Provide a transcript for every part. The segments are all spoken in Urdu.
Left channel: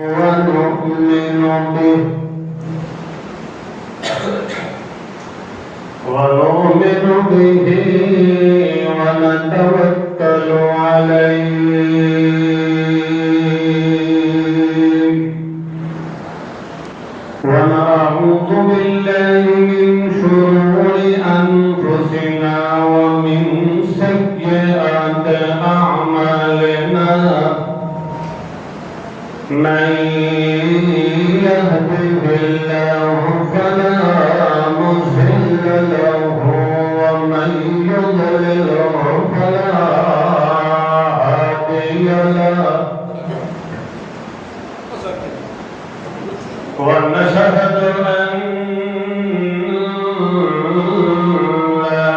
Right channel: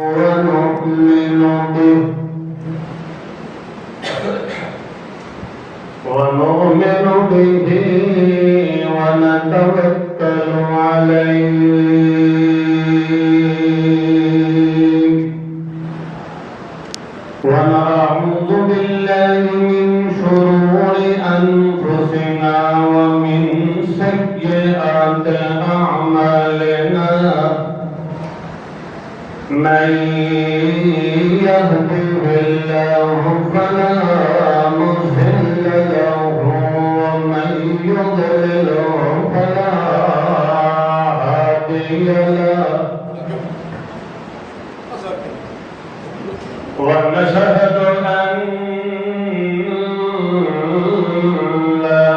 ونؤمن به ونتوكل عليه ونعوذ بالله من شرور أنفسنا ومن سيئات أعمالنا من يهده الله فلا مضل له ومن يضلل فلا هادي له ونشهد أن لا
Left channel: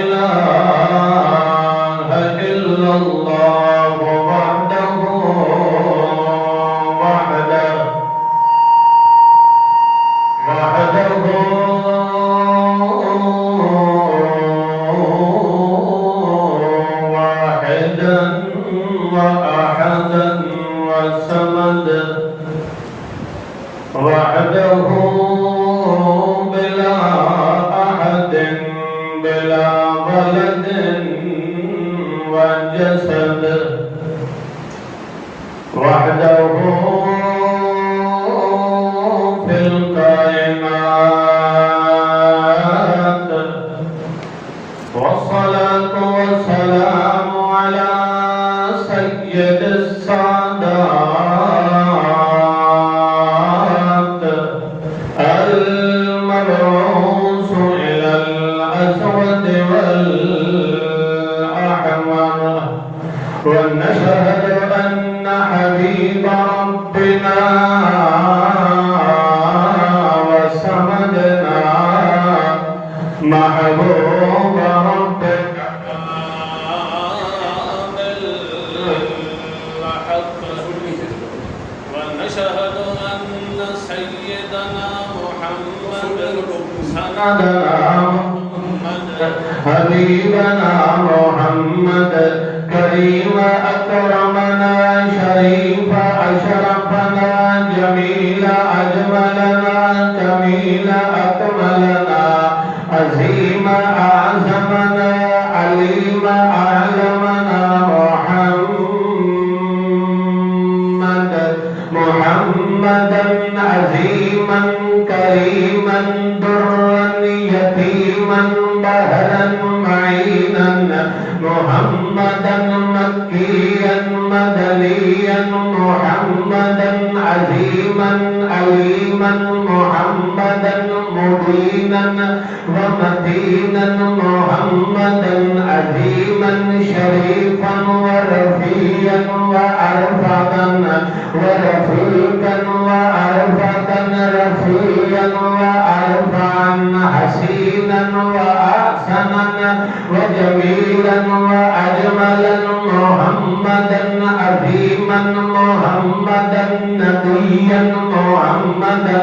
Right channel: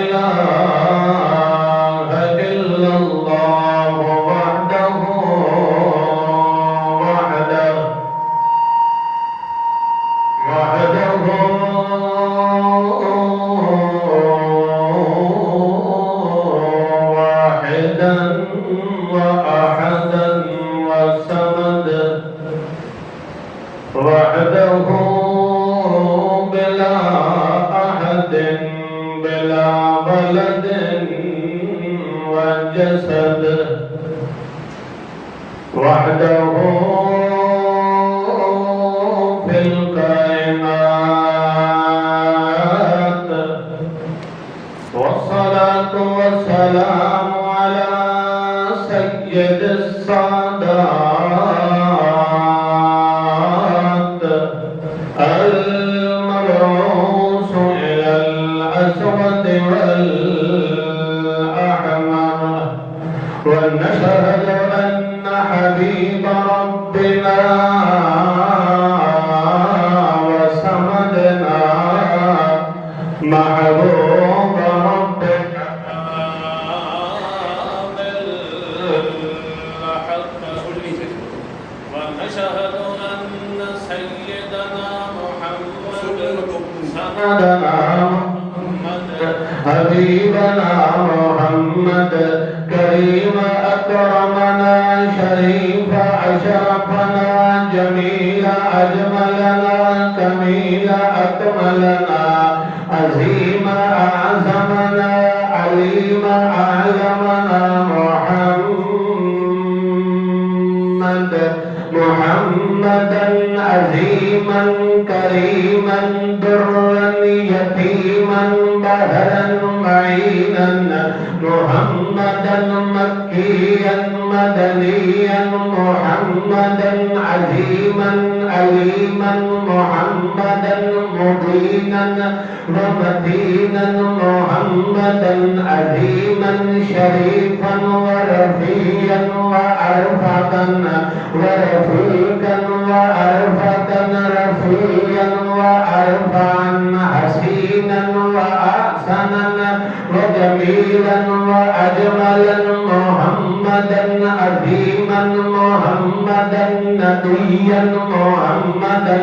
إله إلا الله وحده واحدا وأحدا وصمد وحده بلا أحد بلا ولد وجسد وحده في الكائنات والصلاة والسلام على سيد السادات المبعوث إلى الأسود والأحمر ونشهد أن حبيب ربنا وسندنا محبوب ربنا بالحق ونشهد أن سيدنا محمد سندنا محمد حبيبنا محمد كريم أكرمنا شريف أشرفنا جميل أجملنا كميل أكملنا عظيم أعظمنا عليم أعلمنا محمدا عظيما كريما درا يتيما بهرا معينا محمدا مكيا مدنيا محمدا عظيما عليما محمدا مبينا ومتينا محمدا عظيما شريفا ورفيا وأرفقا ورفيقا وأرفقا رفيا وأرفعا حسينا وأحسنا وجميلا وأجملا محمدا عظيما محمدا نبيا محمدا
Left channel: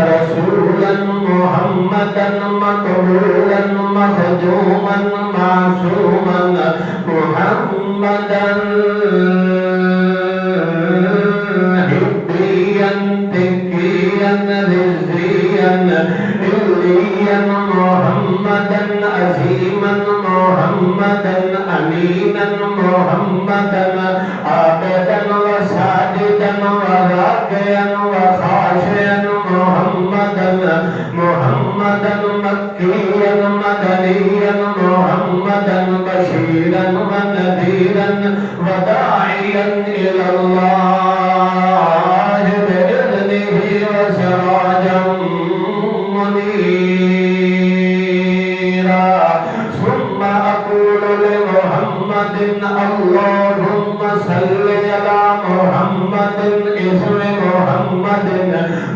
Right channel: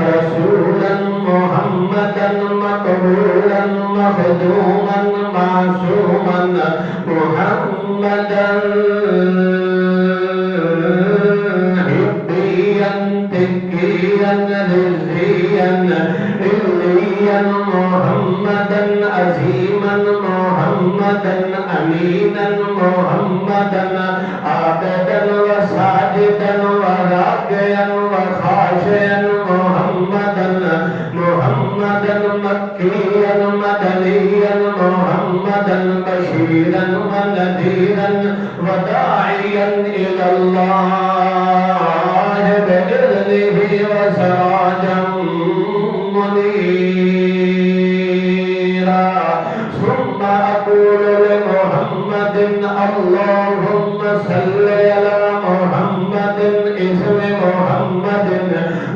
رسولا محمدا مقبولا مخدوما معصوما محمدا هديا تكيا رزيا إليا محمدا عظيما محمدا أمينا محمدا عابدا وساجدا وراكعا وخاشعا محمدا مكيا مدنيا محمدا بشيرا ونذيرا وداعيا إلى الله بإذنه وسراجا منيرا ثم أقول لمحمد اللهم صل على محمد اسم محمد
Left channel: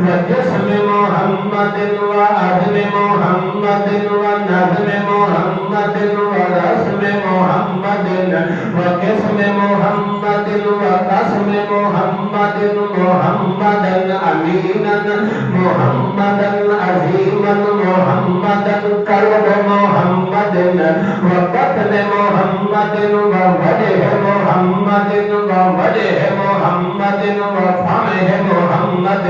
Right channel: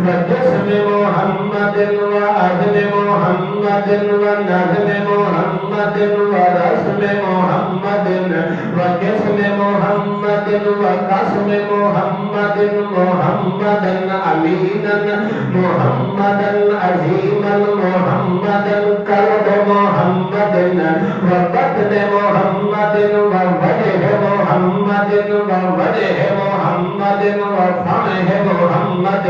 وجسم محمد وعدم محمد ونظم محمد ورسم محمد وقسم محمد وقسم محمد محمدا أمينا محمدا عظيما محمدا كرب محمد وقتل محمد ووجه محمد ووجه محمد وفمه محمد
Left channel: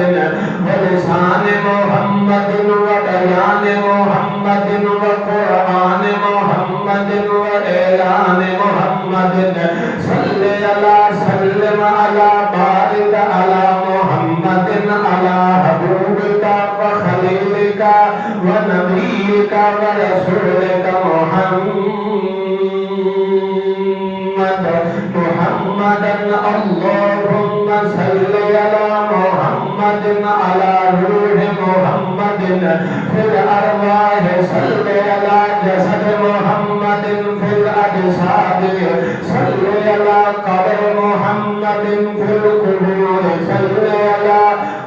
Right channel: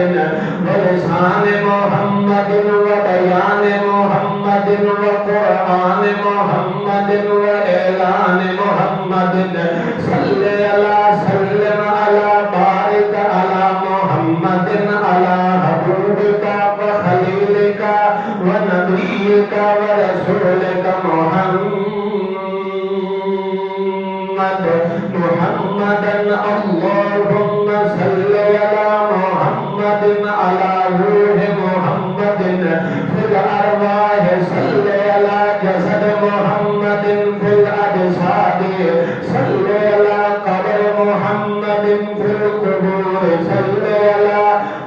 ولسان محمد وبيان محمد وقرآن محمد وإعلان محمد صل على سلم على بارك على محمد على حبيبك وخليلك ونبيك ورسولك محمدا اللهم صل على محمد على روح محمد في الأرواح صل على جسد محمد في الأجساد صل على قبر محمد في القبور صل على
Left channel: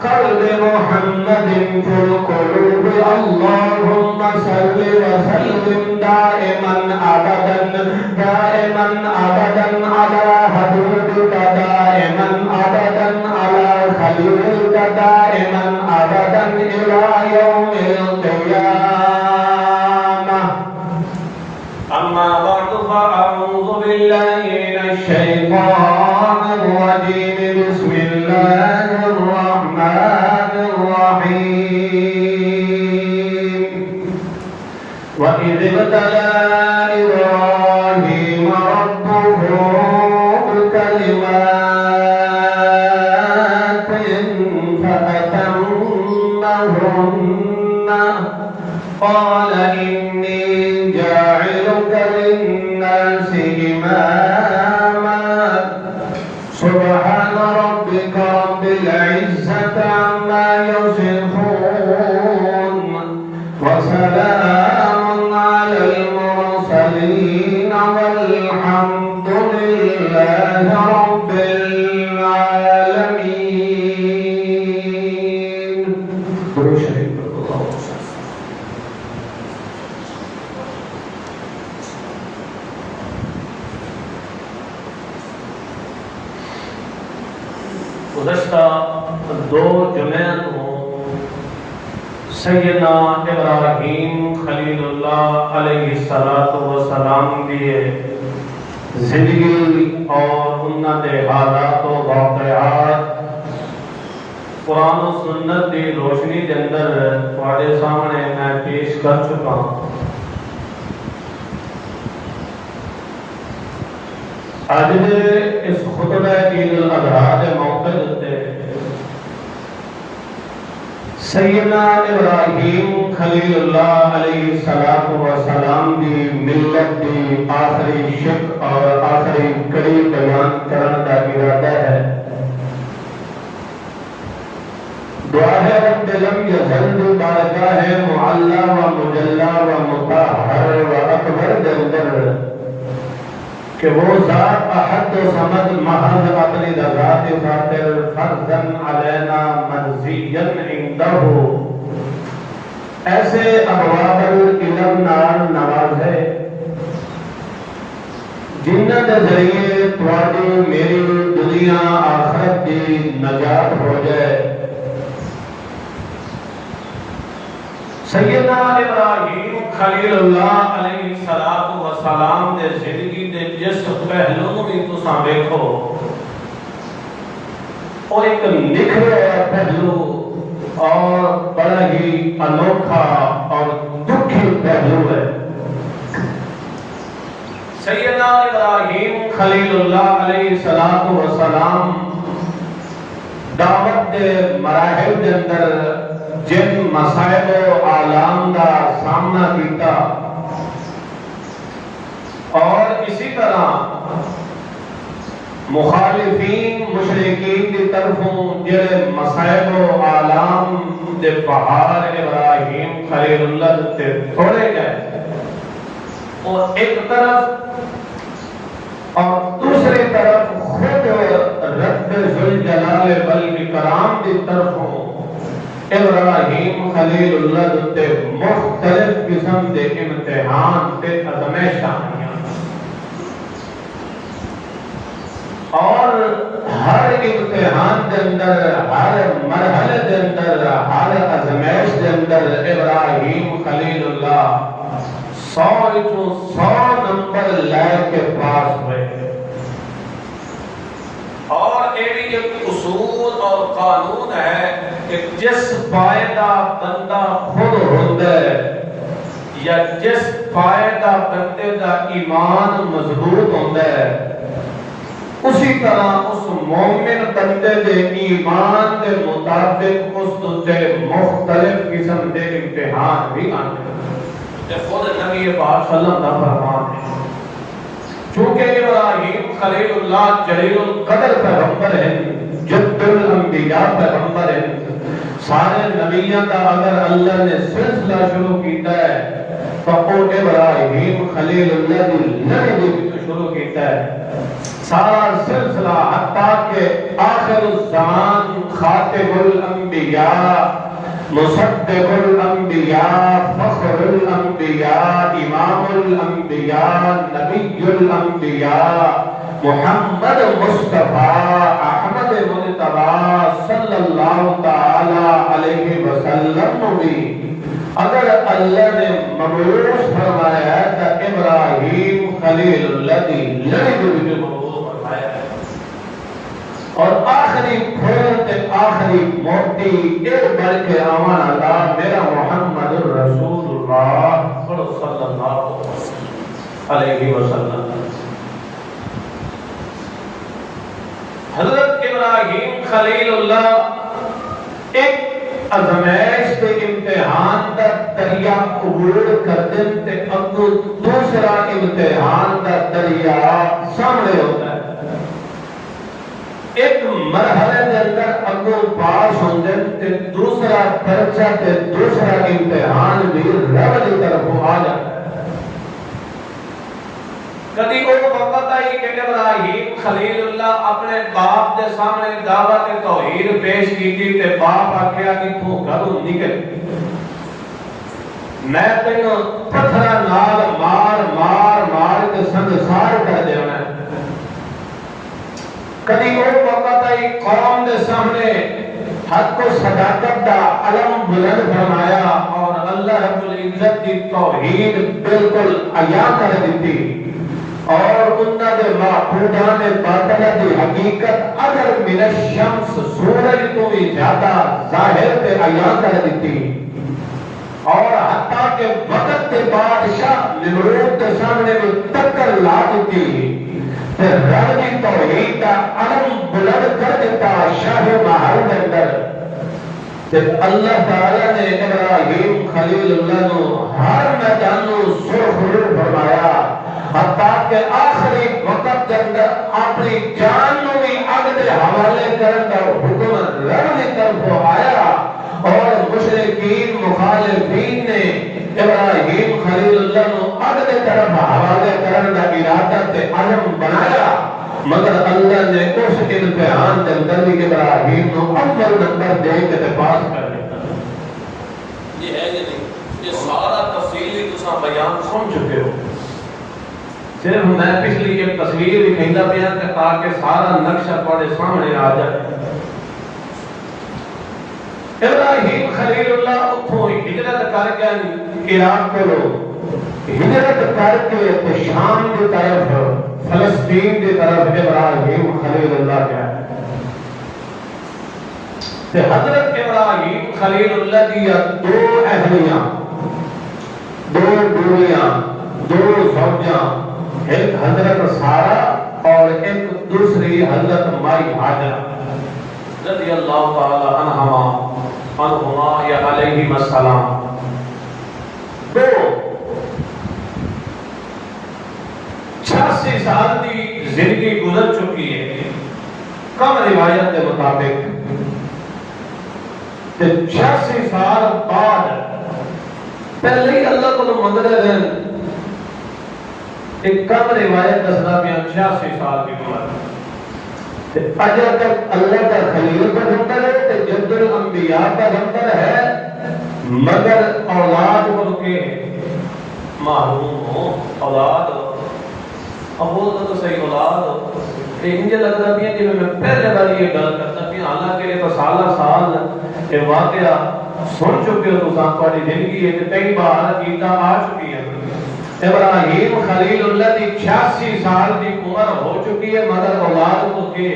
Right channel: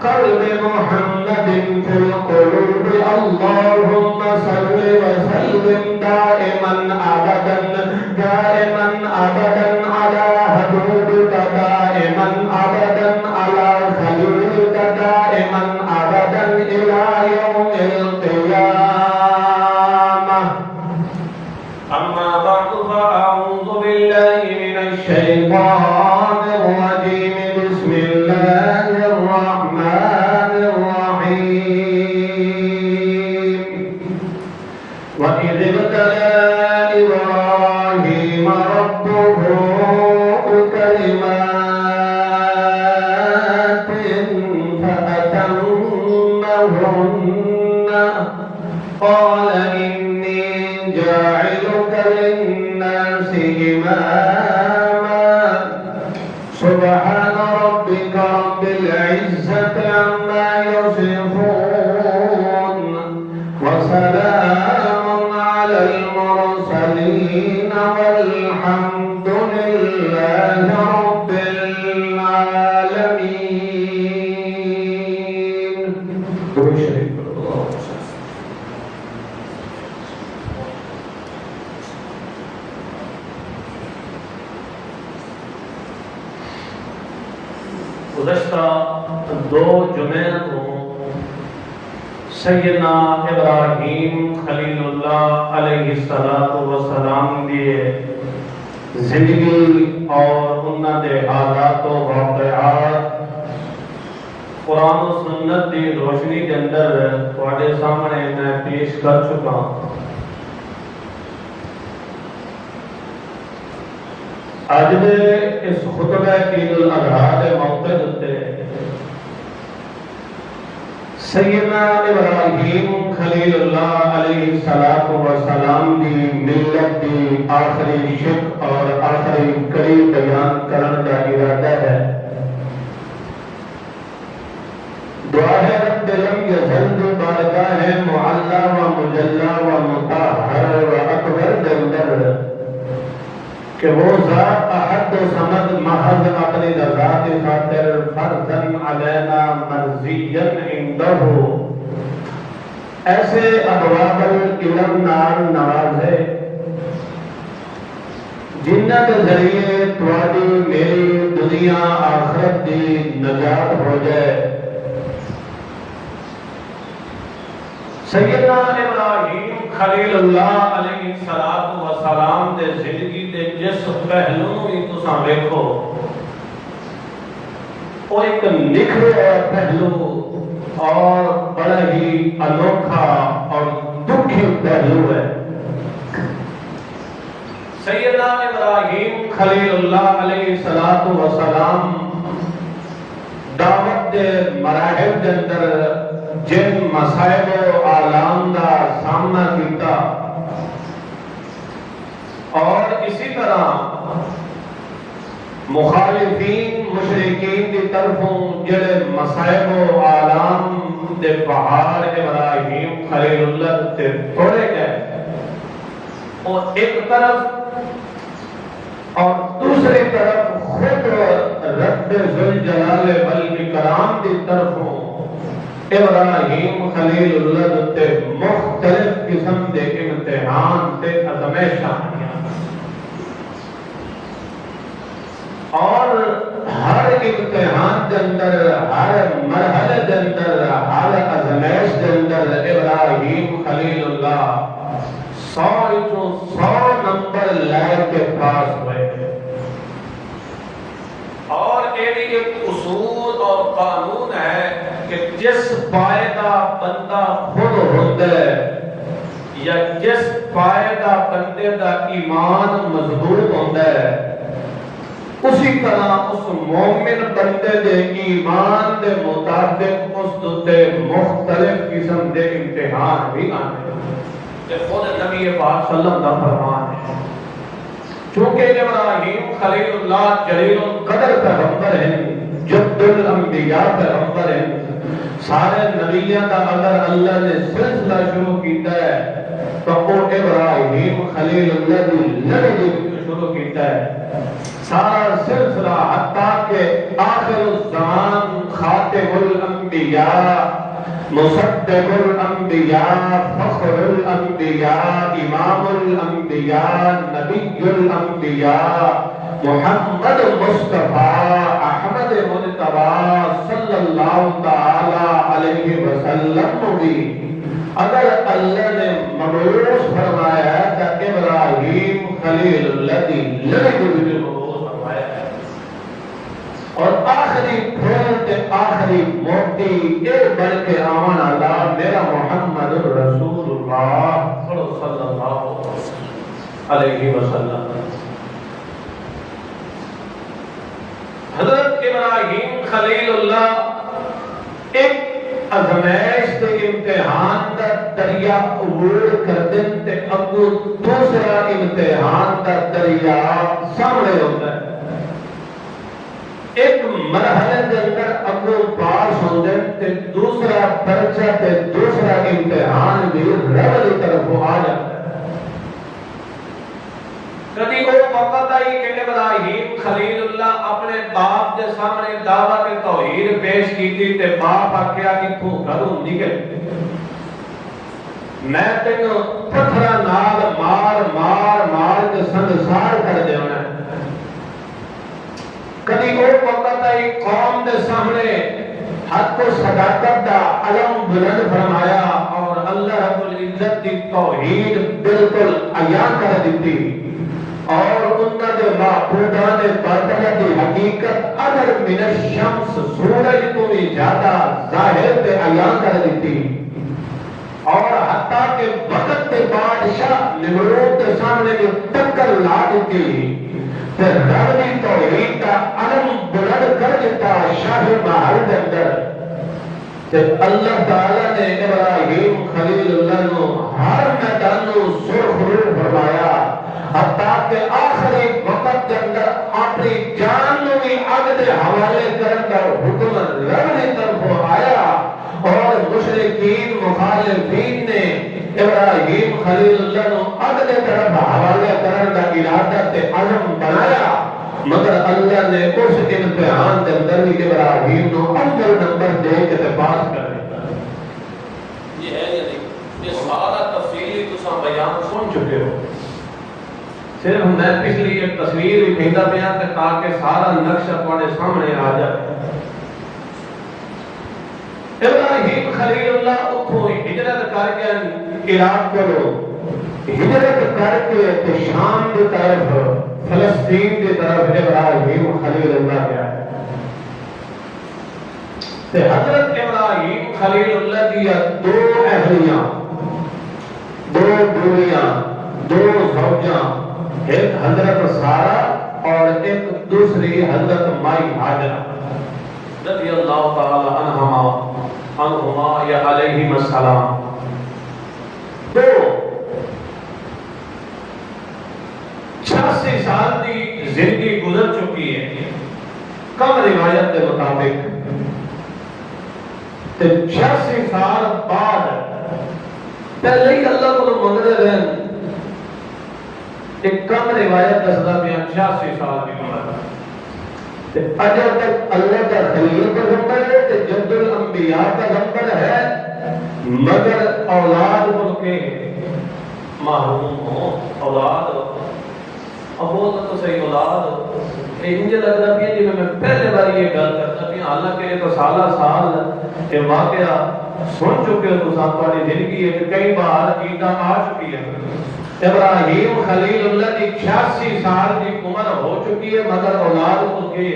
قلب محمد في القلوب اللهم صل وسلم دائما أبدا على حبيبك دائما أبدا على خليلك دائما أبدا إلى يوم القيامة أما بعد فأعوذ بالله من الشيطان الرجيم بسم الله الرحمن الرحيم وإذ ابتلى إبراهيم ربه بكلمات فأتمهن قال إني جاعلك للناس إماما سبحان ربك رب العزة عما يصفون وسلام على المرسلين والحمد لله رب العالمين. درود شریف گزشتہ دو جمعے کو سیدنا ابراہیم خلیل اللہ علیہ السلام دیے زندگی اور انہاں دے حالات و واقعات قرآن و سنت دی روشنی کے اندر تواڈے سامنے میں پیش کر چکا ہوں. آج دے اس خطبہ عید الاضحیٰ کے موقع تے سیدنا ابراہیم خلیل اللہ علیہ السلام دی ملت دی آخری شک اور آخری کڑی بیان کرنے کا ارادہ ہے. دعا ہے رب لم یزل دی بارگاہ معلا و مجلا و مطہر و اکبر جلدر کہ وہ ذات احد و صمد محض اپنی رضا کی خاطر فرضاً علینا مرضیاً عندہ ایسے ابواب العلم نال نوازے جنہ کے ذریعے تواڈی میری دنیا آخرت دی نجات ہو جائے. سیدنا ابراہیم خلیل اللہ علیہ السلام دے زندگی دے جس پہلو بھی تساں ویکھو وہ ایک نکھرے پہلو اور بڑا ہی انوکھا اور دکھی پہلو ہے. سیدنا ابراہیم خلیل اللہ علیہ السلام دعوت دے مراحل دے اندر جن مسائل و آلام دا سامنا کیتا اور اسی طرح مخالفین مشرکین کی طرفوں جڑے مسائل و آلام دے پہاڑ ابراہیم خلیل اللہ تے پھوڑے گئے اور ایک طرف اور دوسری طرف خود رب ذوالجلال والاکرام کی طرفوں ابراہیم خلیل اللہ تے مختلف قسم دے امتحان تے آزمائشاں آئیاں اور ہر امتحان دے اندر ہر مرحلے دے اندر ہر آزمائش دے اندر ابراہیم خلیل اللہ 100 نمبر لے کے پاس ہوئے اور ایک اصول اور قانون ہے کہ جس فائدہ بندہ خود ہوتا ہے یا جس فائدہ بندے کا ایمان مضبوط ہوتا ہے اسی طرح اس مومن بندے دے ایمان دے مطابق اس دے مختلف قسم دے امتحان بھی آنے کہ خود نبی پاک صلی اللہ علیہ وسلم فرمان ہے چونکہ ابراہیم خلیل اللہ جلیل القدر پیغمبر ہیں جد الانبیاء پیغمبر ہیں سارے نبیوں کا اگر اللہ نے سلسلہ شروع کیتا ہے تو وہ ابراہیم خلیل اللہ کی لڑی بھی شروع کیتا ہے سارا سلسلہ حتیٰ کہ آخر الزمان خاتم الانبیاء مصدق الانبیاء فخر الانبیاء امام الانبیاء نبی الانبیاء محمد مصطفیٰ احمد مجتبیٰ صلی اللہ تعالی علیہ وسلم بھی اگر اللہ نے مبعوث فرمایا ہے تو ابراہیم خلیل اللہ کی لڑی بھی مبعوث فرمایا ہے اور آخری پھول تے آخری موٹی ایک بڑھ کے آمان اللہ میرا محمد رسول اللہ صلی اللہ علیہ وسلم حضرت ابراہیم خلیل اللہ ایک ازمائش کے امتحان کا دریا عبور کر دن تے اگو دوسرا امتحان کا دریا سامنے ہوتا ہے ایک مرحلے کے اندر اگو پاس ہوندے تے دوسرا پرچہ تے دوسرا امتحان بھی رب کی طرف آ جاتا ہے کبھی وہ وقت آئی کہ ابراہیم خلیل اللہ اپنے باپ دے سامنے دعوت توحید پیش کی تے باپ آکھیا کہ تو گھروں نکل میں تینوں پتھرا نال مار مار مار کے سنسار کر دینا کبھی وہ وقت آئی قوم دے سامنے حق و صداقت دا علم بلند فرمایا اور اللہ رب العزت کی توحید بالکل عیاں کر دیتی اور انہاں دے معبودان باطلہ کی حقیقت اگر من الشمس سورج تو بھی زیادہ ظاہر تے عیاں کر دیتی اور حتیٰ کہ وقت کے بادشاہ نمرود کے سامنے بھی ٹکر لا دیتی پھر رب کی توحید کا علم بلند کر دیتا شاہ محل کے اندر جب اللہ تعالیٰ نے ابراہیم خلیل اللہ نو ہر میدان نو سرخرو فرمایا حتیٰ کہ آخری وقت کے اندر اپنی جان نو بھی اگ دے حوالے کرن دا حکم رب کی طرف آیا اور مشرکین مخالفین نے ابراہیم خلیل اللہ نو اگ دے طرف حوالے کرن دا ارادہ تے عزم بنایا مگر اللہ نے اس امتحان کے اندر بھی ابراہیم نو اول نمبر دے کے پاس کر دیا یہ ہے کہ نہیں یہ سارا تفصیلی تساں بیان سن چکے ہو صرف میں پچھلی ایک تصویر بھی کہندا پیا کہ تاکہ سارا نقشہ تواڈے سامنے آ جائے ابراہیم خلیل اللہ اتھوں ہجرت کر کے عراق کو ہجرت کر کے شام کی طرف فلسطین کی طرف ابراہیم خلیل اللہ گیا ہے تے حضرت ابراہیم خلیل اللہ کی دو اہلیاں دو بیویاں دو زوجاں ایک حضرت سارہ اور ایک دوسری حضرت مائی حاجرہ رضی اللہ تعالی عنہما یا علیہم السلام دو 86 سال دی زندگی گزر چکی ہے کم روایت کے مطابق 86 سال بعد پہلے ہی اللہ کو منگتے رہن ایک کم روایت دستا پیا 86 سال کی عمر اجر تک اللہ کا خلیل پر ہوتا ہے تے جد الانبیاء انبیاء پیغمبر ہے مگر اولاد ان کے معلوم ہو. اولاد ابو تو صحیح اولاد انج لگتا پیا جی میں پہلے باری یہ گل کرتا پیا حالانکہ یہ تو سالہ سال یہ واقعہ سن چکے ہو تو تھوڑی زندگی ہے کہ کئی بار چیزاں آ چکی ہیں. ابراہیم خلیل اللہ کی 86 سال کی عمر ہو چکی ہے مگر اولاد کو کے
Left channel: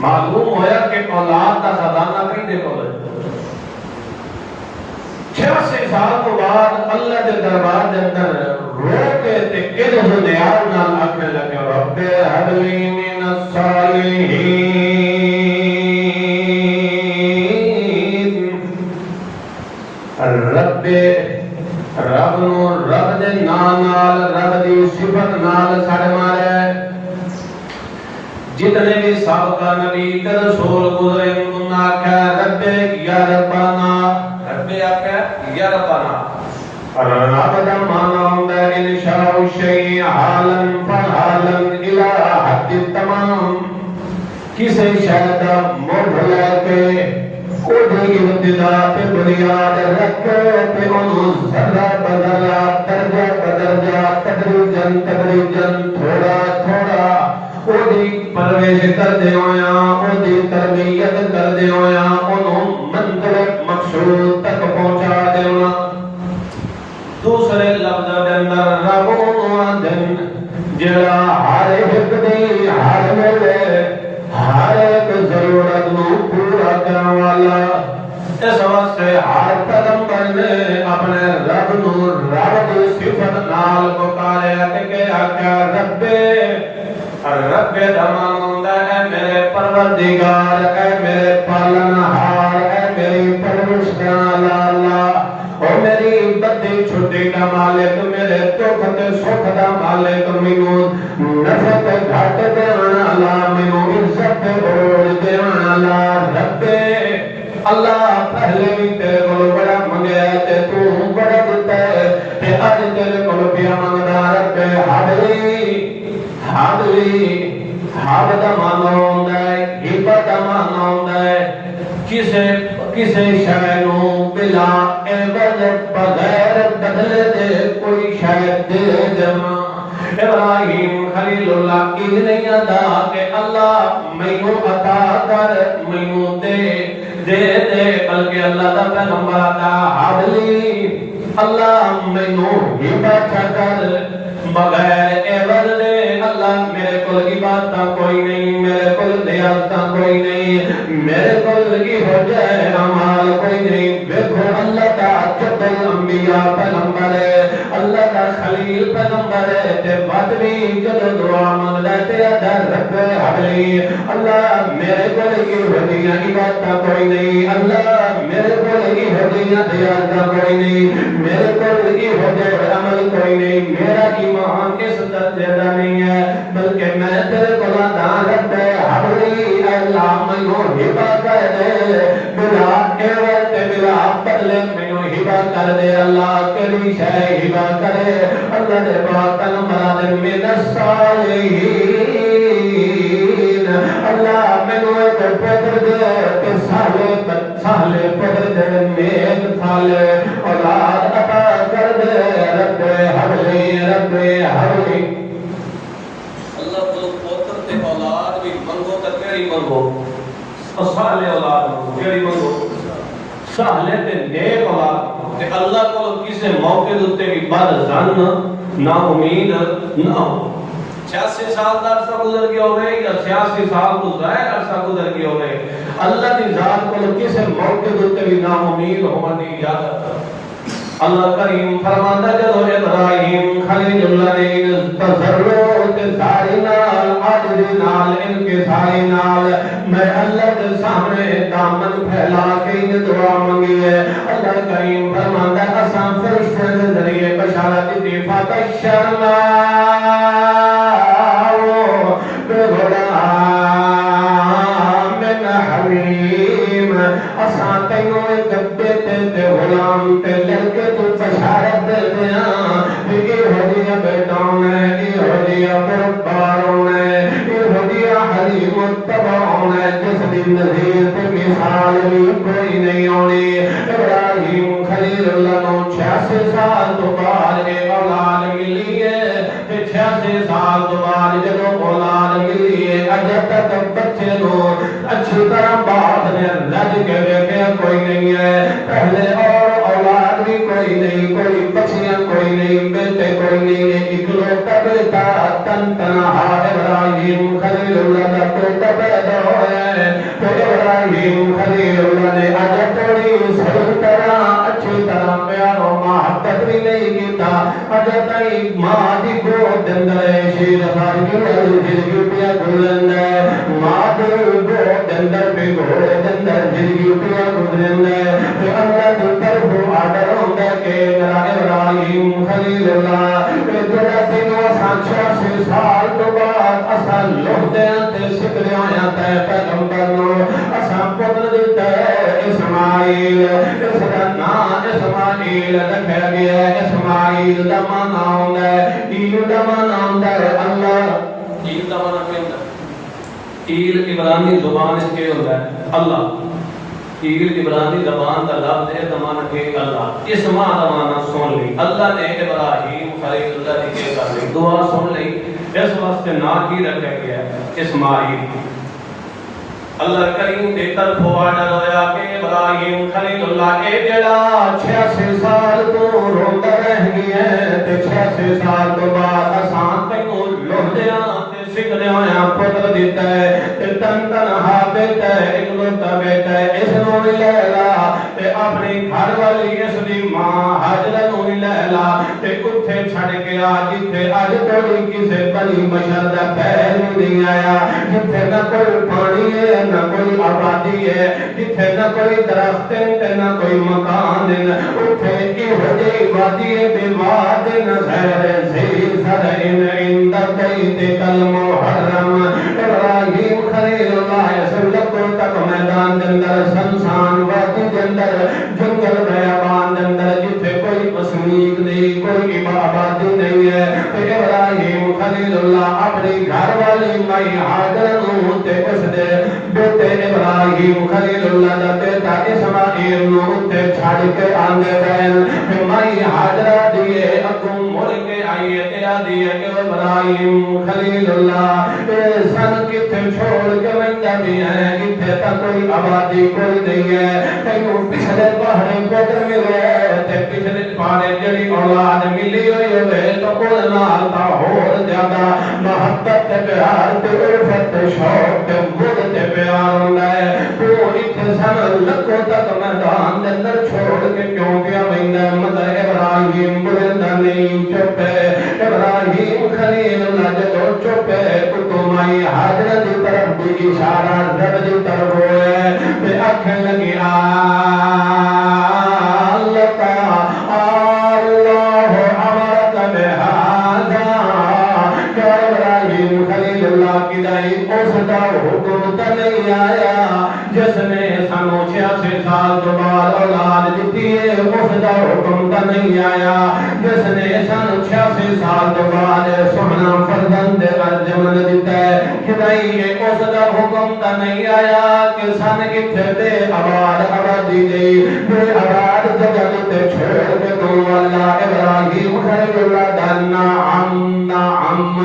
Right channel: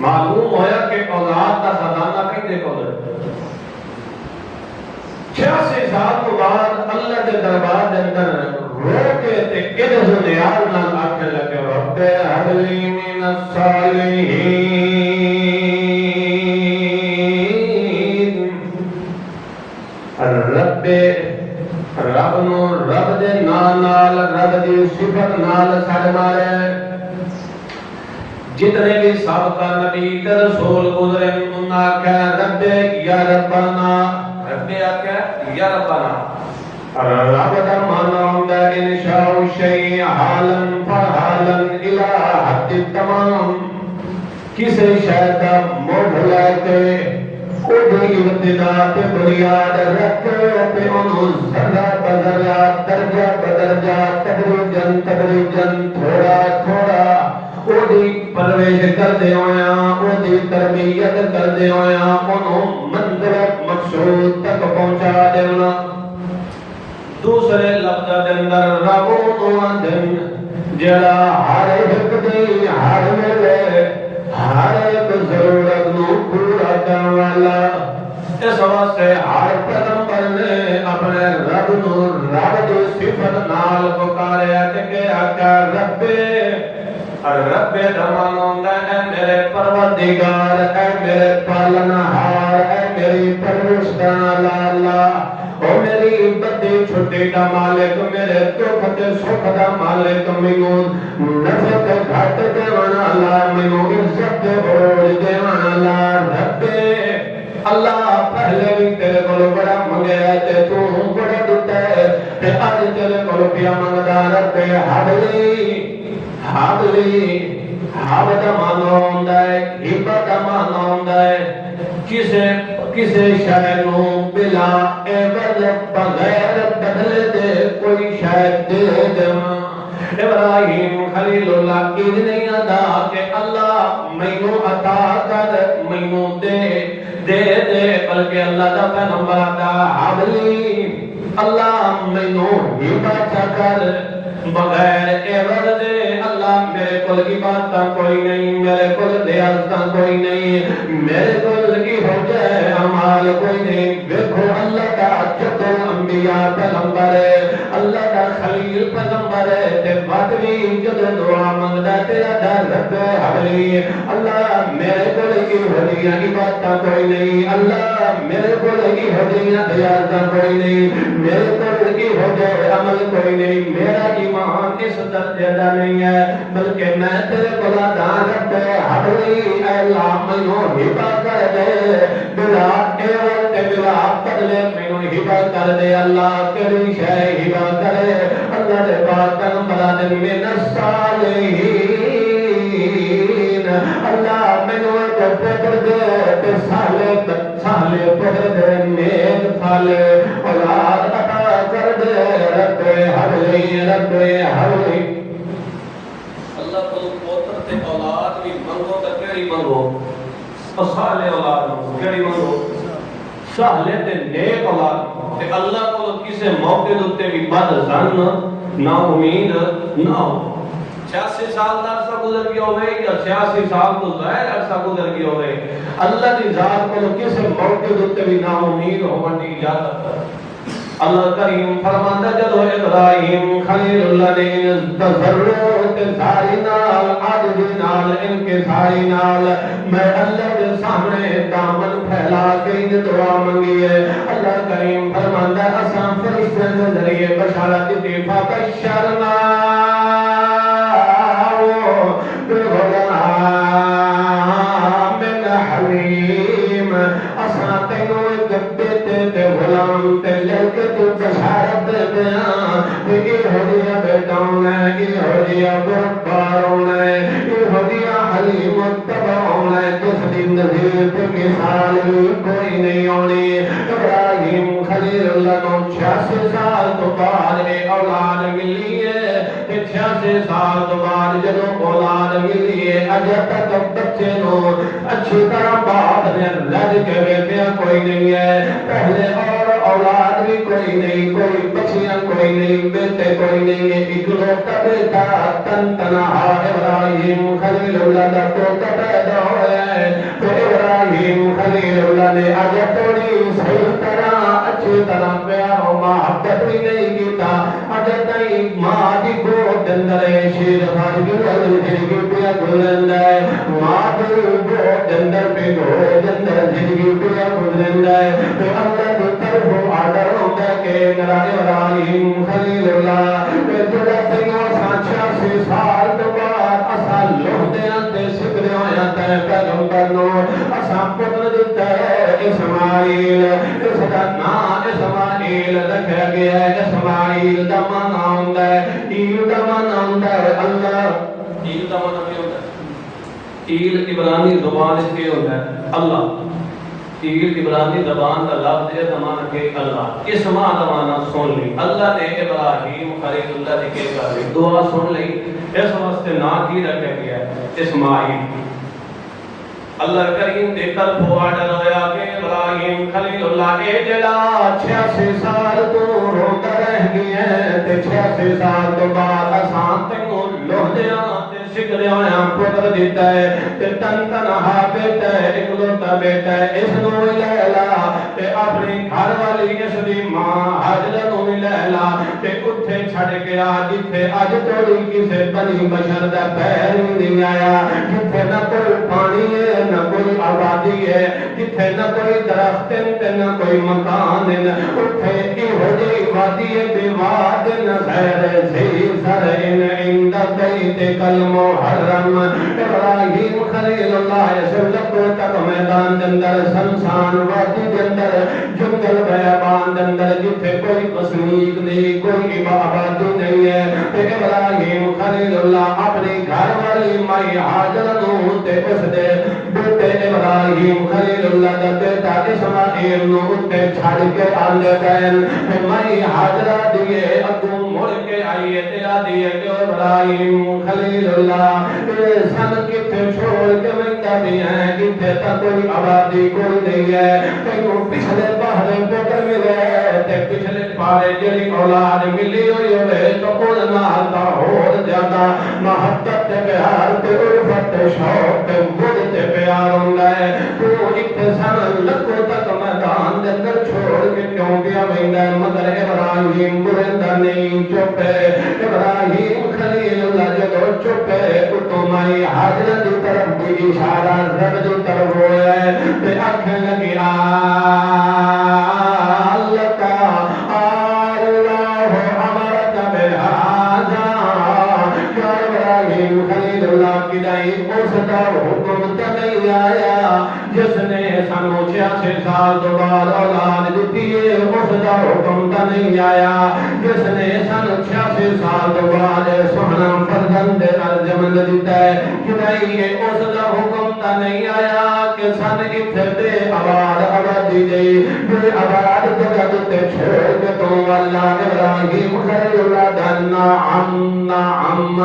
معلوم ہویا کہ اولاد کا خزانہ کہیں کو ہے. 86 سال کے بعد اللہ کے دربار کے اندر رو کے تے کدھر دیار نال آکھنے لگے رب ہب لی من الصالحین رب نو رب دے نال رب دی صفت نال سڑ مارے. جتنے بھی سابقہ نبی تے رسول گزرے انہوں آکھا رب یا ربنا رب آکھا یا ربنا. رب دا مانا ہوندا انشاء شیء حالا فحالا الى حد تمام. کسی شے دا مڈ لے کے اودی ابتدا تے بنیاد رکھ تے انہوں ذرہ بدرجہ درجہ بدرجہ تدریجاً تھوڑا تھوڑا اودی پرورش کردے ہویا اودی تربیت کردے ہویا انہوں منزل مقصود تک پہنچا دینا. دوسرے لفظ دے اندر رب دن جڑا ہر ایک دی ہر ویلے ہر ایک ضرورت نو پورا کرنے والا. اس واسطے ہر پیغمبر نے اپنے رب نو رب دی صفت نال پکاریا تے کہا کہ رب دمان ہوندا اے میرے پروردگار اے میرے پالنہار اے میری پروردگار اللہ او میری بدی چھٹی دا مالک میرے دکھ تے سکھ دا مالک مینوں نفع تے گھٹ دیون والا مینوں عزت تے عروج دیون والا رب اللہ پہلے بھی تیرے کول بڑا منگیا تے تو بڑا دتا ہے تے اج تیرے کول پیا منگدا رب حبلی حب دا مانا ہوندا ہے ہبہ دا مانا ہوندا ہے کسے شے نو بلا عوض بغیر بدلے دے کوئی شے دے دینا. ابراہیم خلیل اللہ کی نہیں ادا کہ اللہ مینوں عطا کر مینوں دے بلکہ اللہ دا پیغمبر عطا حبلی اللہ مینوں ہبہ کر بغیر عوض دے. اللہ میرے کول عبادت کوئی نہیں میرے کول دیانت کوئی نہیں میرے کول کی ہو جائے اعمال کوئی نہیں. دیکھو اللہ کا جد الانبیاء پیغمبر ہے اللہ کا خلیل پیغمبر ہے تے بعد بھی جدو دعا منگدا تے در رب حبلی اللہ میرے کول کی ہو جائے عبادت کوئی نہیں اللہ میرے کول کی ہو جائے دیانت کوئی نہیں میرے کول کی ہو جائے عمل کوئی نہیں میرا ایمان اس درجے دا نہیں ہے بلکہ میں تیرے بلا دان رب حبلی اے اللہ مینوں ہبہ کر دے بلا عوض تے بلا بدلے مینوں ہبہ کر دے. اللہ کیڑی شے ہبہ کرے اللہ دے پاک پیغمبر دے من الصالحین اللہ مینوں ایک پتر دے تے صالح پتر دے نیک صالح اولاد عطا کر دے رب حبلی رب حبلی. اللہ کو پوتر تے اولاد بھی منگو تے کیڑی منگو صالح اولاد منگو کیڑی منگو صالح تے نیک اولاد تے اللہ کو کسے موقع تے بھی بد زن نا امید نہ ہو. 86 سال دا عرصہ گزر گیا ہوئے یا 86 سال تو زائد عرصہ گزر گیا ہوئے اللہ دی ذات کو کسے موقع تے بھی نا امید ہون دی اجازت. اللہ کریم فرماندا جدو ابراہیم خلیل اللہ نے تضرع تے ساری نال عاجزی نال انکساری نال میں اللہ کے سامنے دامن پھیلا کے دعا منگی ہے اللہ کریم فرماندا اساں فرشتوں کے ذریعے بشارت دی فبشرنا من حلیم اساں تینوں ایک بیٹے تے غلام تے لے کے تو بشارت دے دینا یہ ہدیہ بیٹاؤں نے یہ ہدیہ برباروں نے یہ ہدیہ حلیم تباؤں نے جس دی نظیر تے مثال بھی کوئی نہیں آنی ابراہیم خلیل اللہ نو 86 سال تو بعد اولاد ملی ہے 86 سال تو بعد جدو اولاد ملی ہے اجے تک بچے نو اچھی طرح باپ نے رج کے بیٹھیا کوئی نہیں ہے پہلے اور اولاد بھی کوئی نہیں کوئی بچیاں کوئی نہیں بیٹے کوئی نہیں ہے اکلوتا بیٹا تن تنہا ابراہیم خلیل اللہ کا پوتا پیدا ہوا ہے تو ابراہیم خلیل اللہ نے اج تھوڑی صحیح طرح اچھی طرح پیار و محبت بھی نہیں کیتا اج تائی ماں دی گود اندر شیر فارغی زندگی پیا گزرندا ہے ماں دی گود اندر پہ گود اندر زندگی پیا گزرندا ہے تو اللہ دی طرف آڈر ہوندا ہے کہ میرا ابراہیم خلیل اللہ جڑا تینوں 86 سال تو بعد اساں لوہدیاں تے سکھدے ہویاں تے پیغمبر نو اساں پتر دتا ہے اسماعیل اس دا نام اسماعیل رکھا گیا ہے اسماعیل دا معنی ہوندا ہے ایل دا معنی ہوندا ہے اللہ ایل دا معنی کیا ہوندا ہے ایل عبرانی زبان اس کے ہوندا ہے اللہ ایل عبرانی زبان دا لفظ ہے زمانہ کے اللہ اس معنی معنی سن لی اللہ نے ابراہیم خلیل اللہ نے کے کر لی دعا سن لی اس واسطے نا کی رکھا گیا اسماعیل اللہ کریم دے طرف آڈر ہویا کہ ابراہیم خلیل اللہ اے جڑا 86 سال تو روندا رہ گیا تے 86 سال تو بعد اساں تینوں لوہدیاں تے سکھدے ہویاں پتر دیتا ہے تے تن تنہا بیٹا ہے اکلوتا بیٹا ہے اس نو بھی لے لا تے اپنی گھر والی اس دی ماں حاجرہ نو بھی لے لا تے اوتھے چھڑ کے آ جتھے اج کوئی کسے بنی بشر دا پیر نہیں آیا جتھے نہ کوئی پانی ہے نہ کوئی آبادی ہے جتھے نہ کوئی درخت ہے نہ کوئی مکان ہے اوتھے ایہو جہی وادی ہے بے واد نہ خیر ذی زرع عند بیت المحرم ابراہیم خلیل اللہ سلطو تک میدان دے اندر سنسان وادی دے اندر جنگل بیابان دے اندر جتھے کوئی وسنیک نہیں کوئی آبادی نہیں ہے تے ابراہیم خلیل اللہ اپنی گھر والی مائی حاجرہ نو تے اس دے بیٹے ابراہیم خلیل اللہ دا بیٹا اسماعیل نو تے چھڑ کے آندے پین مائی حاجرہ دیے اگوں مڑ کے آئی تے آدھی ہے کہ ابراہیم خلیل اللہ سن کتھے چھوڑ کے ویندا بھی ہے جتھے تک کوئی آبادی کوئی نہیں ہے تینوں پچھلے پہاڑے بدل ملے تے پچھلے پہاڑے جڑی اولاد ملی ہوئی ہوئے تو اون نال دا ہور زیادہ محبت تے پیار تے الفت تے شوق تے مد تے پیار ہوندا ہے تو اتنے سن لکھوں تک میدان دے اندر چھوڑ کے کیوں پیا ویندا مگر ابراہیم مرندا نہیں چپ ہے ابراہیم خلیل اللہ جدو چپ ہے تو مائی حاجرہ دی طرف بھی اشارہ رب دی طرف ہوئے تے آنکھیں لگی اللہ کا اللہ امرک بہذا کہ ابراہیم خلیل اللہ کی دائی اس دا حکم تا نہیں آیا جس نے سانو 86 سال جو بعد اولاد دیتی ہے اس دا حکم تا نہیں آیا جس نے سانو 86 سال جو بعد سونا فرزند ارجمن دیتا ہے کہ نہیں اس دا حکم تا نہیں آیا کہ سن اتھے بے آباد آبادی دے بے آباد جگہ تے چھوڑ کے تو اللہ ابراہیم خلیل اللہ دانا عم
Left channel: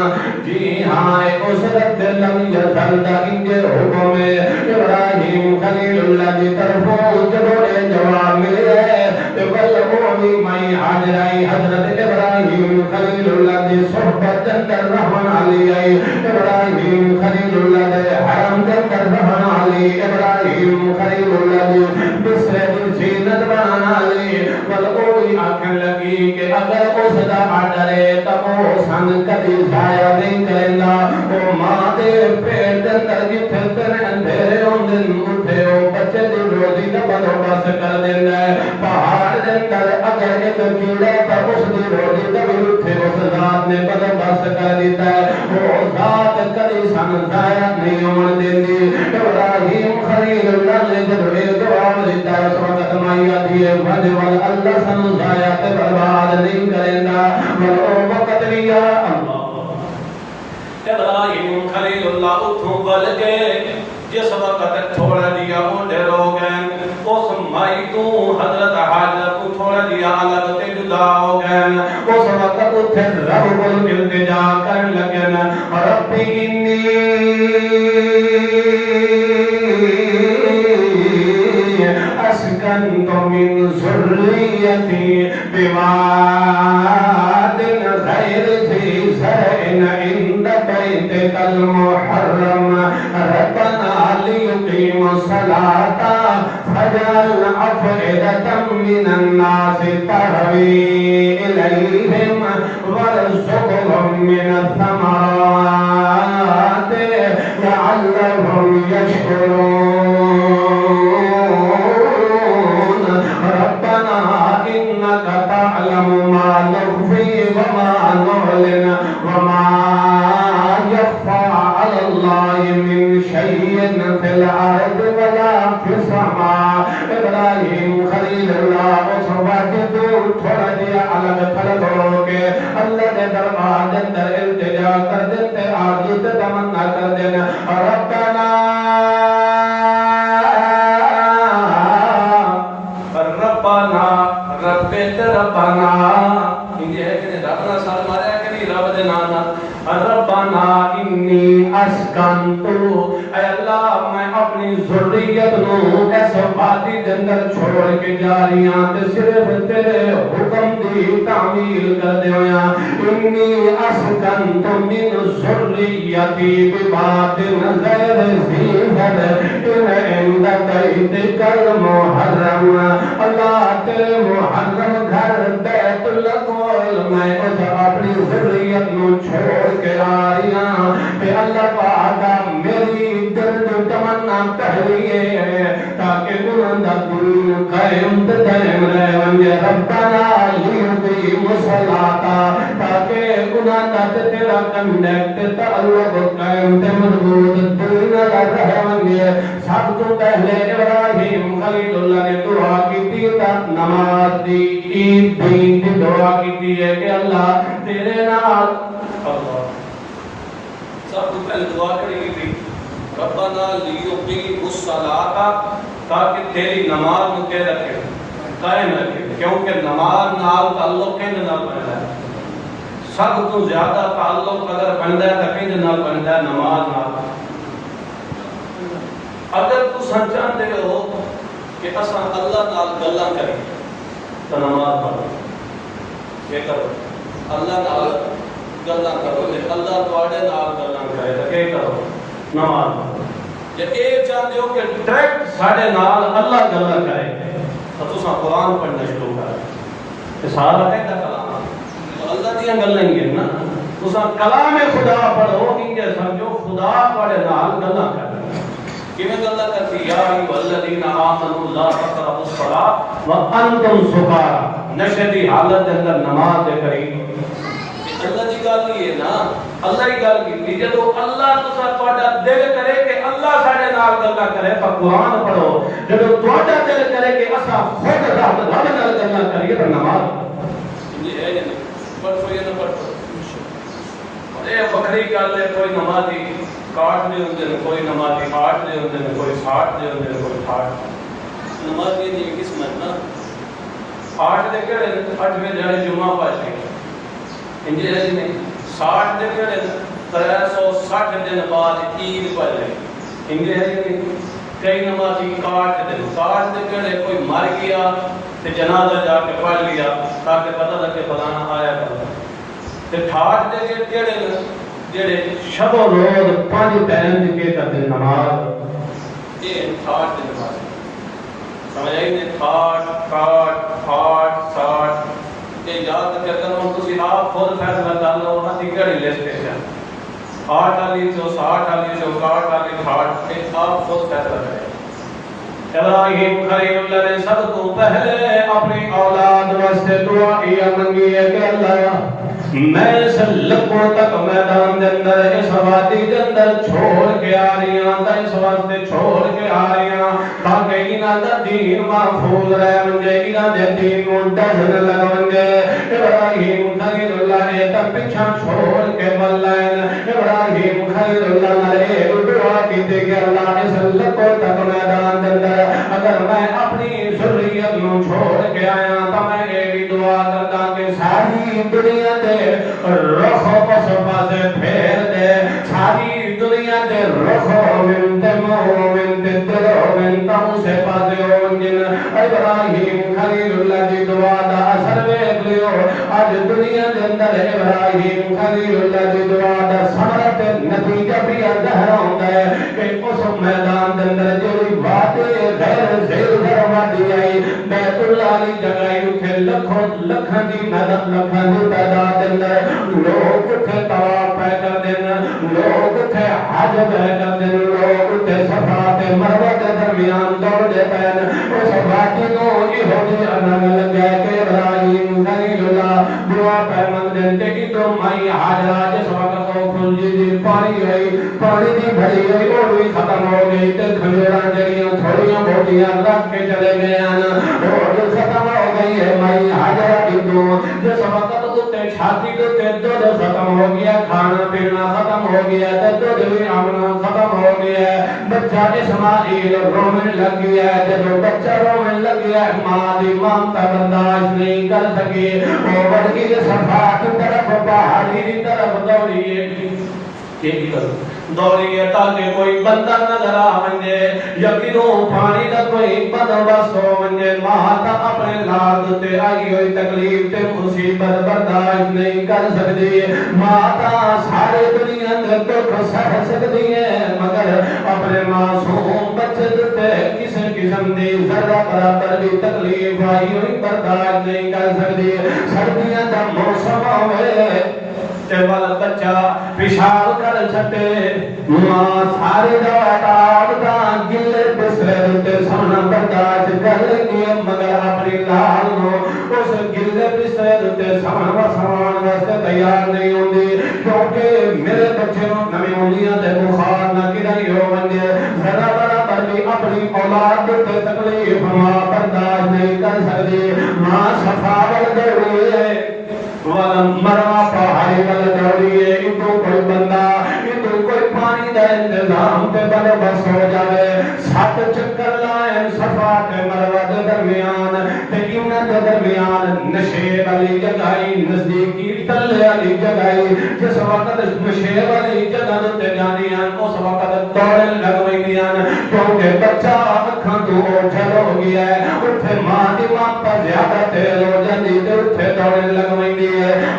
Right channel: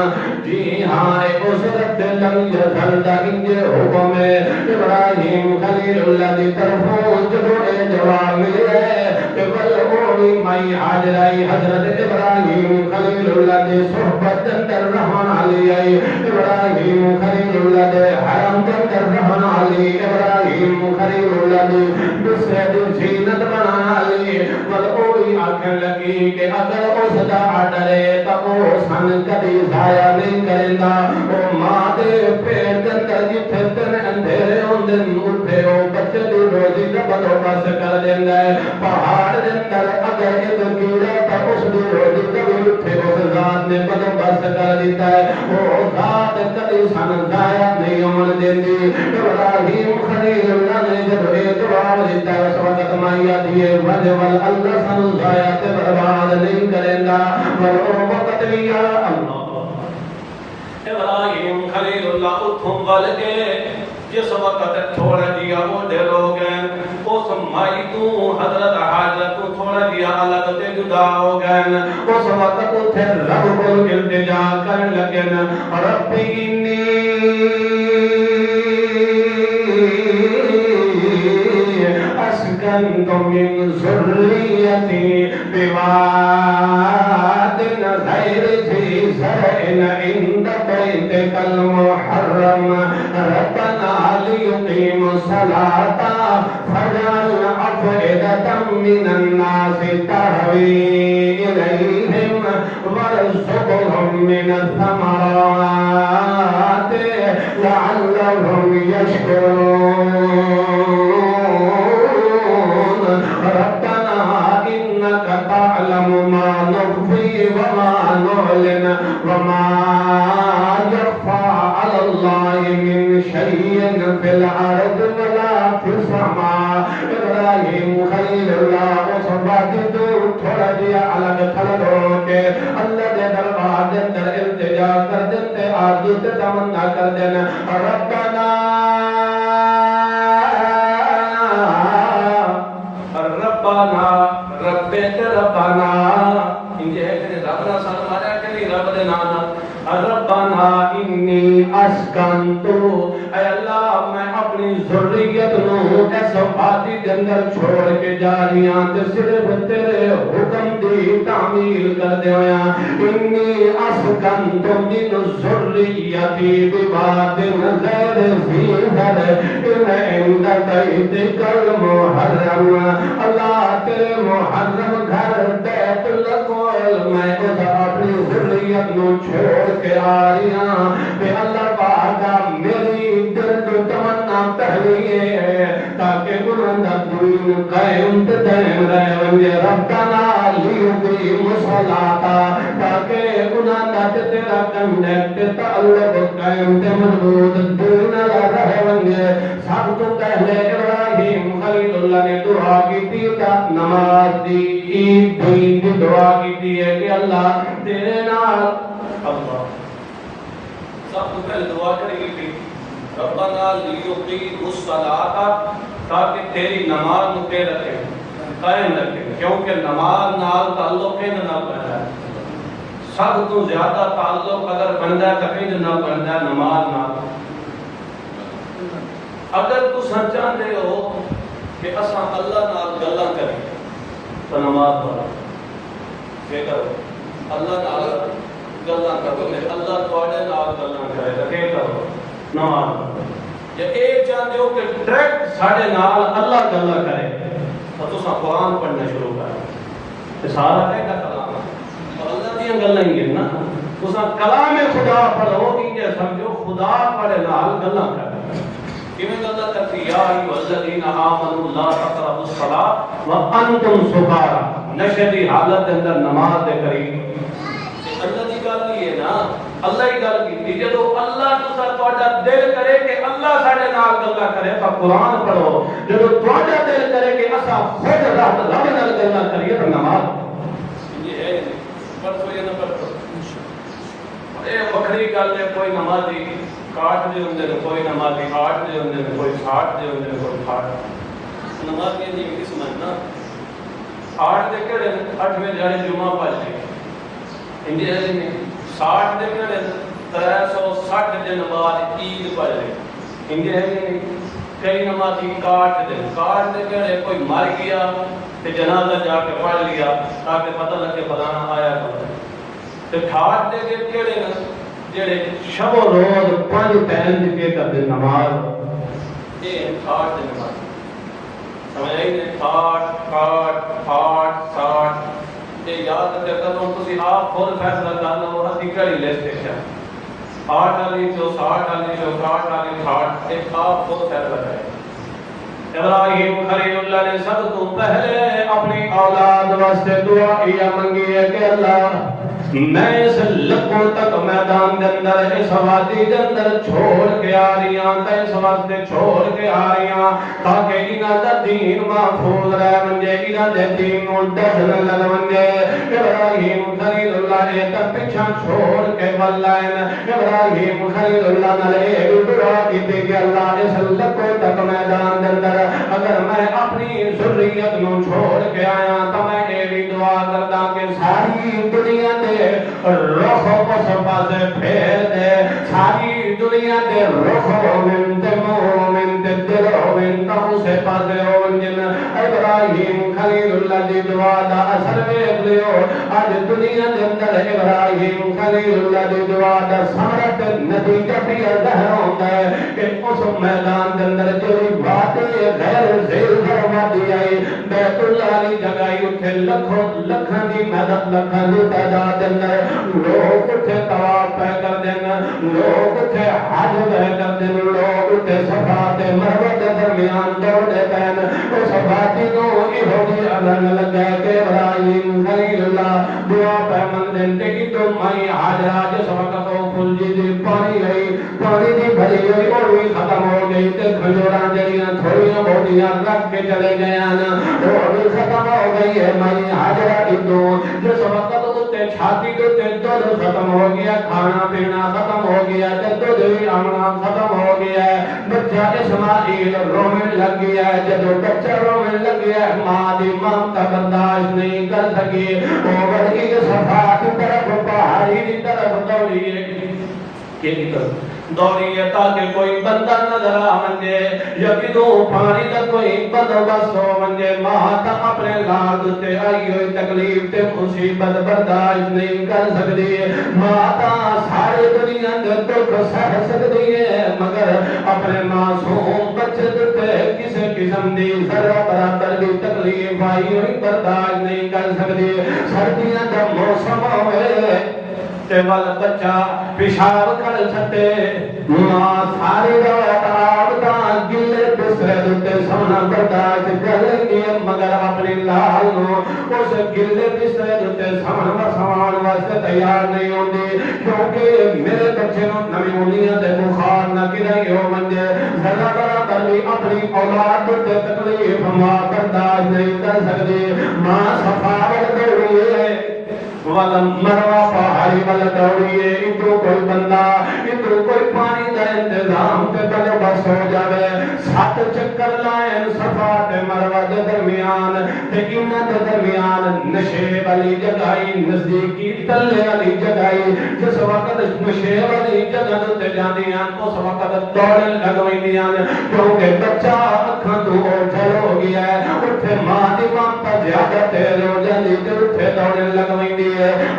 جی ہاں اس رب لم یزل دا انجے حکم ہے ابراہیم خلیل اللہ دی طرفوں جبوڑے جواب ملے تے بلغونی مائی حاجرائی حضرت ابراہیم خلیل اللہ دی صحبت اندر رہن علی ابراہیم خلیل اللہ دے حرم دے اندر رہن علی ابراہیم خلیل اللہ دی دوسرے دی زینت بنانا علی بلغونی آنکھیں لگی کہ اگر اس دا آڈر ہے تب وہ سن کبھی ضائع نہیں کریں گا وہ ماں دے پیٹ اندر جتھے تیرے اندھیرے ہوں دن اٹھے ہو بچے دی روزی دا بندوبست کر دیندا ہے پہاڑ دے اندر اگر ایک کیڑا تھا اس دی روزی دا بھی اٹھے اس ذات نے بندوبست کر دیتا ہے وہ ذات کبھی سن ضائع نہیں ہون دیندی ابراہیم خلیل اللہ نے جب ایک جواب دیتا ہے اس وقت مائی آدھی ہے وجبل اللہ سن ضائع تے برباد نہیں کریں گا وہ وقت بھی اللہ ابراہیم خلیل اللہ اتھوں بل کے جس وقت تھوڑا دیا اونڈے لوگ ہیں اس مائی تو حضرت حاجر کو تھوڑا دیا الگ تے جدا ہو گئے اس وقت اتھے رب کو التجا کر لگن ربی انی اسکنت من ذریتی بواد غیر ذی زرع عند بیتک المحرم ربنا لیقیموا الصلاة فاجعل أفئدة من الناس تهوی إلیہم وارزقهم من الثمرات لعلهم يشكرون ربنا إنك تعلم ما نخفي وما نعلن وما يخفى على الله من شيء في الأرض ولا في السماء ابراہیم خلیل اللہ اس وقت دور تھوڑا دیا الگ تھلگ ہو کے اللہ نے دربار دن در التجا کر دیتے آرزو تے تمنا کر دینا ربنا ربنا انجھے ہے کہ ربنا سال مارا کہ نہیں رب دے نانا ربنا انی اسکنتو اے اللہ میں اپنی ذریت نو اس وادی کے اندر چھوڑ کے جا رہی ہوں تے صرف تیرے حکم دی تعمیل کر دے ہویا انی اسکنتو من ذریتی بواد غیر ذی زرع عند بیتک المحرم اللہ تیرے محرم گھر بیت المعظم میں اس اپنی ذریت نو چھوڑ کے آئی ہاں کہ اللہ پاکا میری درد تمنا پہلی ہے تاکہ گناہ دین قائم دائم رہے ونجے ربنا لیقیموا الصلاۃ تاکہ گناہ تیرا کنیکٹ تعلق قائم تے مضبوط دین رہے ونجے سب تو پہلے ابراہیم خلیل اللہ نے دعا کی تھی تا نماز دی عید دین دی دعا کی تھی ہے کہ اللہ تیرے نال اللہ سب تو پہلے دعا کریں گی ربنا لیقیموا الصلاۃ تاکہ تیری نماز مجھے رکھے قائم رکھے کیونکہ نماز نال تعلق ہے نال بنتا ہے سب تو زیادہ تعلق اگر بنتا ہے تو نال بنتا ہے نماز نال اگر تو سچان دے ہو کہ اساں اللہ نال گلاں کریں تو نماز پڑھو یہ کرو اللہ نال گلاں کرو نہیں اللہ تواڈے نال گلاں کرے تو کیا کرو نماز پڑھو یا اے چاہتے ہو کہ ڈائریکٹ ساڈے نال اللہ گلاں کرے تو تساں قرآن پڑھنا شروع کر کہ سارا کہتا کلام اللہ دیاں گلاں ہی ہیں نا تساں کلام خدا پڑھو انجے سمجھو خدا پڑھے نال گلاں کر کیویں گلاں کرتی یا الذین آمنوا لا تقربوا الصلاۃ وانتم سکارا نشے دی حالت دے اندر نماز دے قریب اللہ دی گل ہی ہے نا اللہ ہی گل کی جدو اللہ تسا تواڈا دل کرے کہ اللہ ساڈے نال گلاں کرے تو قرآن پڑھو جدو تواڈا دل کرے کہ اسا خود رب نال گلاں کریے تو نماز یہ ہے نہیں پڑھو یا نہ پڑھو اے بکری گل ہے کوئی نمازی کاٹ دے ہوندے نے کوئی نمازی آٹھ دے ہوندے نے کوئی 60 دے ہوندے نے کوئی 60 نمازی دی قسمت نا 8 دے کڑے 8ویں جانے جمعہ پڑھ کے انجے ایسی نہیں 60 دے کڑے 360 دن بعد عید پڑھ لے انجے ایسی نہیں کئی نمازی کاٹ دے کڑے کوئی مر گیا تے جنازہ جا کے پڑھ لیا تاکہ پتہ لگے فلانا آیا کر تے 68 دے کڑے جڑے شب و روز 5 ٹائم کے کرتے نماز یہ 68 دن بعد سمجھ آئی نے 60 یہ یاد کر ہوں تسی آپ خود فیصلہ کر لو اسی کڑی لسٹ ہے 8 والی 60 والی 64 والی 68 ایک آپ خود فیصلہ کریں ابراہیم خلیل اللہ نے سب کو پہلے اپنی اولاد واسطے دعا کیا منگی ہے کہ اللہ میں اس لکھوں تک میدان دے اندر اس وادی دے اندر چھوڑ کے آ رہی ہوں تا اس واسطے چھوڑ کے آ رہی ہوں تاکہ انہاں دا دین محفوظ رہے منجے انہاں دے دین نوں ڈھل لگا منجے ابراہیم خلیل اللہ نے تا پیچھے چھوڑ کے ولائن ابراہیم خلیل اللہ نے دعا کی کہ اللہ اس منتا اسے پاسے ہو جن ابراہیم خلیل اللہ دی دعا دا اثر ویکھ لیو اج دنیا دے اندر ابراہیم خلیل اللہ دی دعا دا ثمرہ تے نتیجہ بھی ظاہر ہوندا ہے کہ اس میدان دے اندر جڑی بات غیر زیر فرماتی آئی بیت اللہ دی جگہ اٹھے لکھوں لکھاں دی مدد لکھاں دی تعداد دے اندر لوگ اٹھے طواف پہ کر دینا لوگ اٹھے حج پہ کر دینا لوگ اٹھے صفا تے مروہ دے درمیان دوڑ دے پین اس باتی کو ایہو جی اذان لگا کہ ابراہیم خلیل اللہ دعا پہ مندن تے ادھر مائی حاجرہ جس وقت وہ کھلجی دی پانی گئی پانی دی بھری گئی اور بھی ختم ہو گئی تے کھجوراں جڑیاں تھوڑیاں بہتیاں رکھ کے چلے گئے ہیں اور بھی ختم ہو گئی ہے مائی حاجرہ ادھر جس وقت چھاتی کو دودھ ختم ہو گیا کھانا پینا ختم ہو گیا دودھ بھی آمنا ختم ہو گیا بچہ اسماعیل رومن لگ گیا جب بچہ رومن لگ گیا ماں دی ممتا برداشت نہیں کر سکی وہ بڑھ گئی صفا کی طرف پہاڑی کی طرف دوڑیے تاکہ کوئی بندہ نظر آنجے یقینوں پانی کا کوئی بندوبست ہو منجے ماتا اپنے لاد تے آئی ہوئی تکلیف تے مصیبت برداشت نہیں کر سکتی ماتا ساری دنیا دے دکھ سہ سکتی ہے مگر اپنے معصوم بچے تے کسی قسم دی ذرہ برابر بھی تکلیف آئی ہوئی برداشت نہیں کر سکتی سردیاں دا موسم ہوئے تے والا بچہ پیشاب کر چھٹے ماں ساری رات آبتا گلے بسرے تے سونا برداشت کر لگی مگر اپنی لال نو اس گلے بسرے تے سونا واسطے تیار نہیں ہوندی کیونکہ میرے بچے نو نمی منیاں تے بخار نہ گرائی ہو منجے ذرا برابر بھی اپنی اولاد تے تکلیف ماں برداشت نہیں کر سکتی ماں صفا ول دوڑیے مروا پہاڑی والے دوڑیے ادھر کوئی بندہ ادھر کوئی پانی دا انتظام تے بلے بس ہو جائے 7 چکر لائیں صفا تے مروا دے درمیان تے انہاں دے درمیان نشے والی جگائی نزدیکی تلے والی جگائی جس وقت نشے والی جگہ تے جاندی ہیں اس وقت دوڑ لگویندیاں کیونکہ بچہ اکھاں تو اوجھل ہو گیا ہے اٹھے ماں دی ممتا زیادہ تیز ہو جاندی تے اٹھے دوڑ لگویندی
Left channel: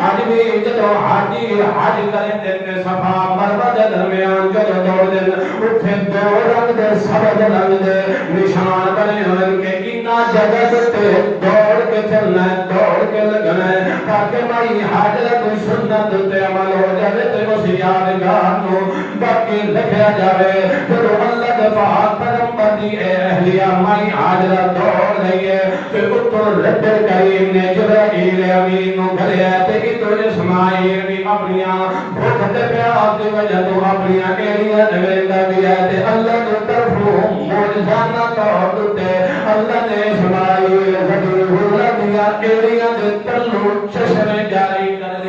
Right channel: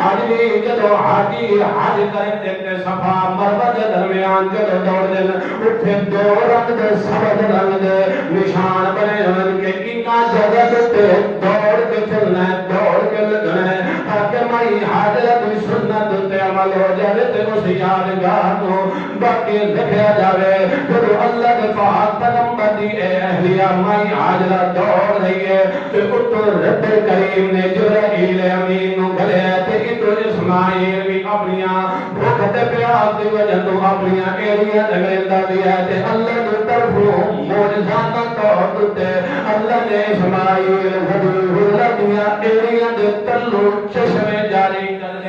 آج بھی جدو حاجی حج کریں دیکھتے صفا مروہ دے درمیان جدو دوڑ دیں اٹھے دو رنگ دے سبز رنگ دے نشان بنے ہوئے کہ انہا جگہ تے دوڑ کے چلنا ہے دوڑ کے لگنا ہے تاکہ مائی حاجرہ کی سنت تے عمل ہو جائے تے اس یادگار نو باقی رکھیا جاوے جدو اللہ دے پاک پیغمبر دی اہلیہ مائی حاجرہ دوڑ رہی ہے تے اتر رب کریم نے جبرائیل امین نو گھرے تے ادھر اسماعیل بھی اپنیاں بھوک تے پیاس دی وجہ تو اپنیاں ایڑیاں لگیندا بھی ہے تے اللہ دی طرفوں معجزانہ طور تے اللہ نے اسماعیل ذبیح اللہ دیاں ایڑیاں دے تلو چشمے جاری کر لے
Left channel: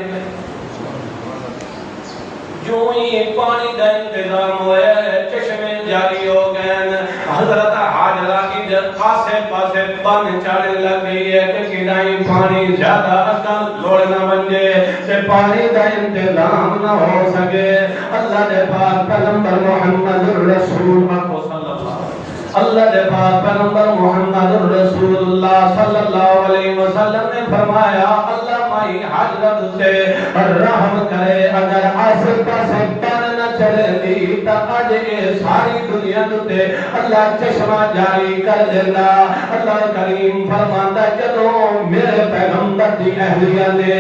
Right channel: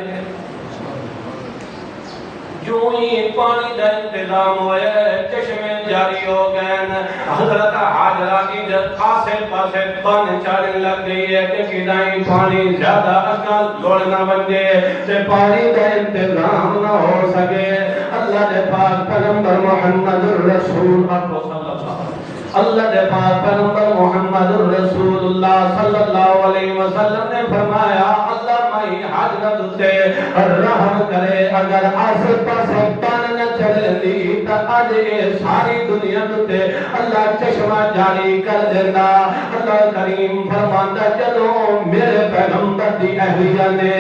جو ہی پانی دا انتظام ہوئے چشمے جاری ہو گئے حضرت حاجرہ ادھر آسے پاسے پانی چاڑے لگ گئی ہے کہ کنائی پانی زیادہ اکل لوڑنا بنجے سے پانی دا انتظام نہ ہو سکے اللہ دے پاک پیغمبر محمد الرسول اللہ دے پاک پیغمبر محمد الرسول اللہ صلی اللہ علیہ وسلم نے فرمایا اللہ مائی حاجرہ تے رحم کرے اگر آسے پاسے پان نہ چلے دی تا آج ساری دنیا تے اللہ چشمہ جاری کر دینا اللہ کریم فرماندا چلو میرے پیغمبر دی اہلیہ نے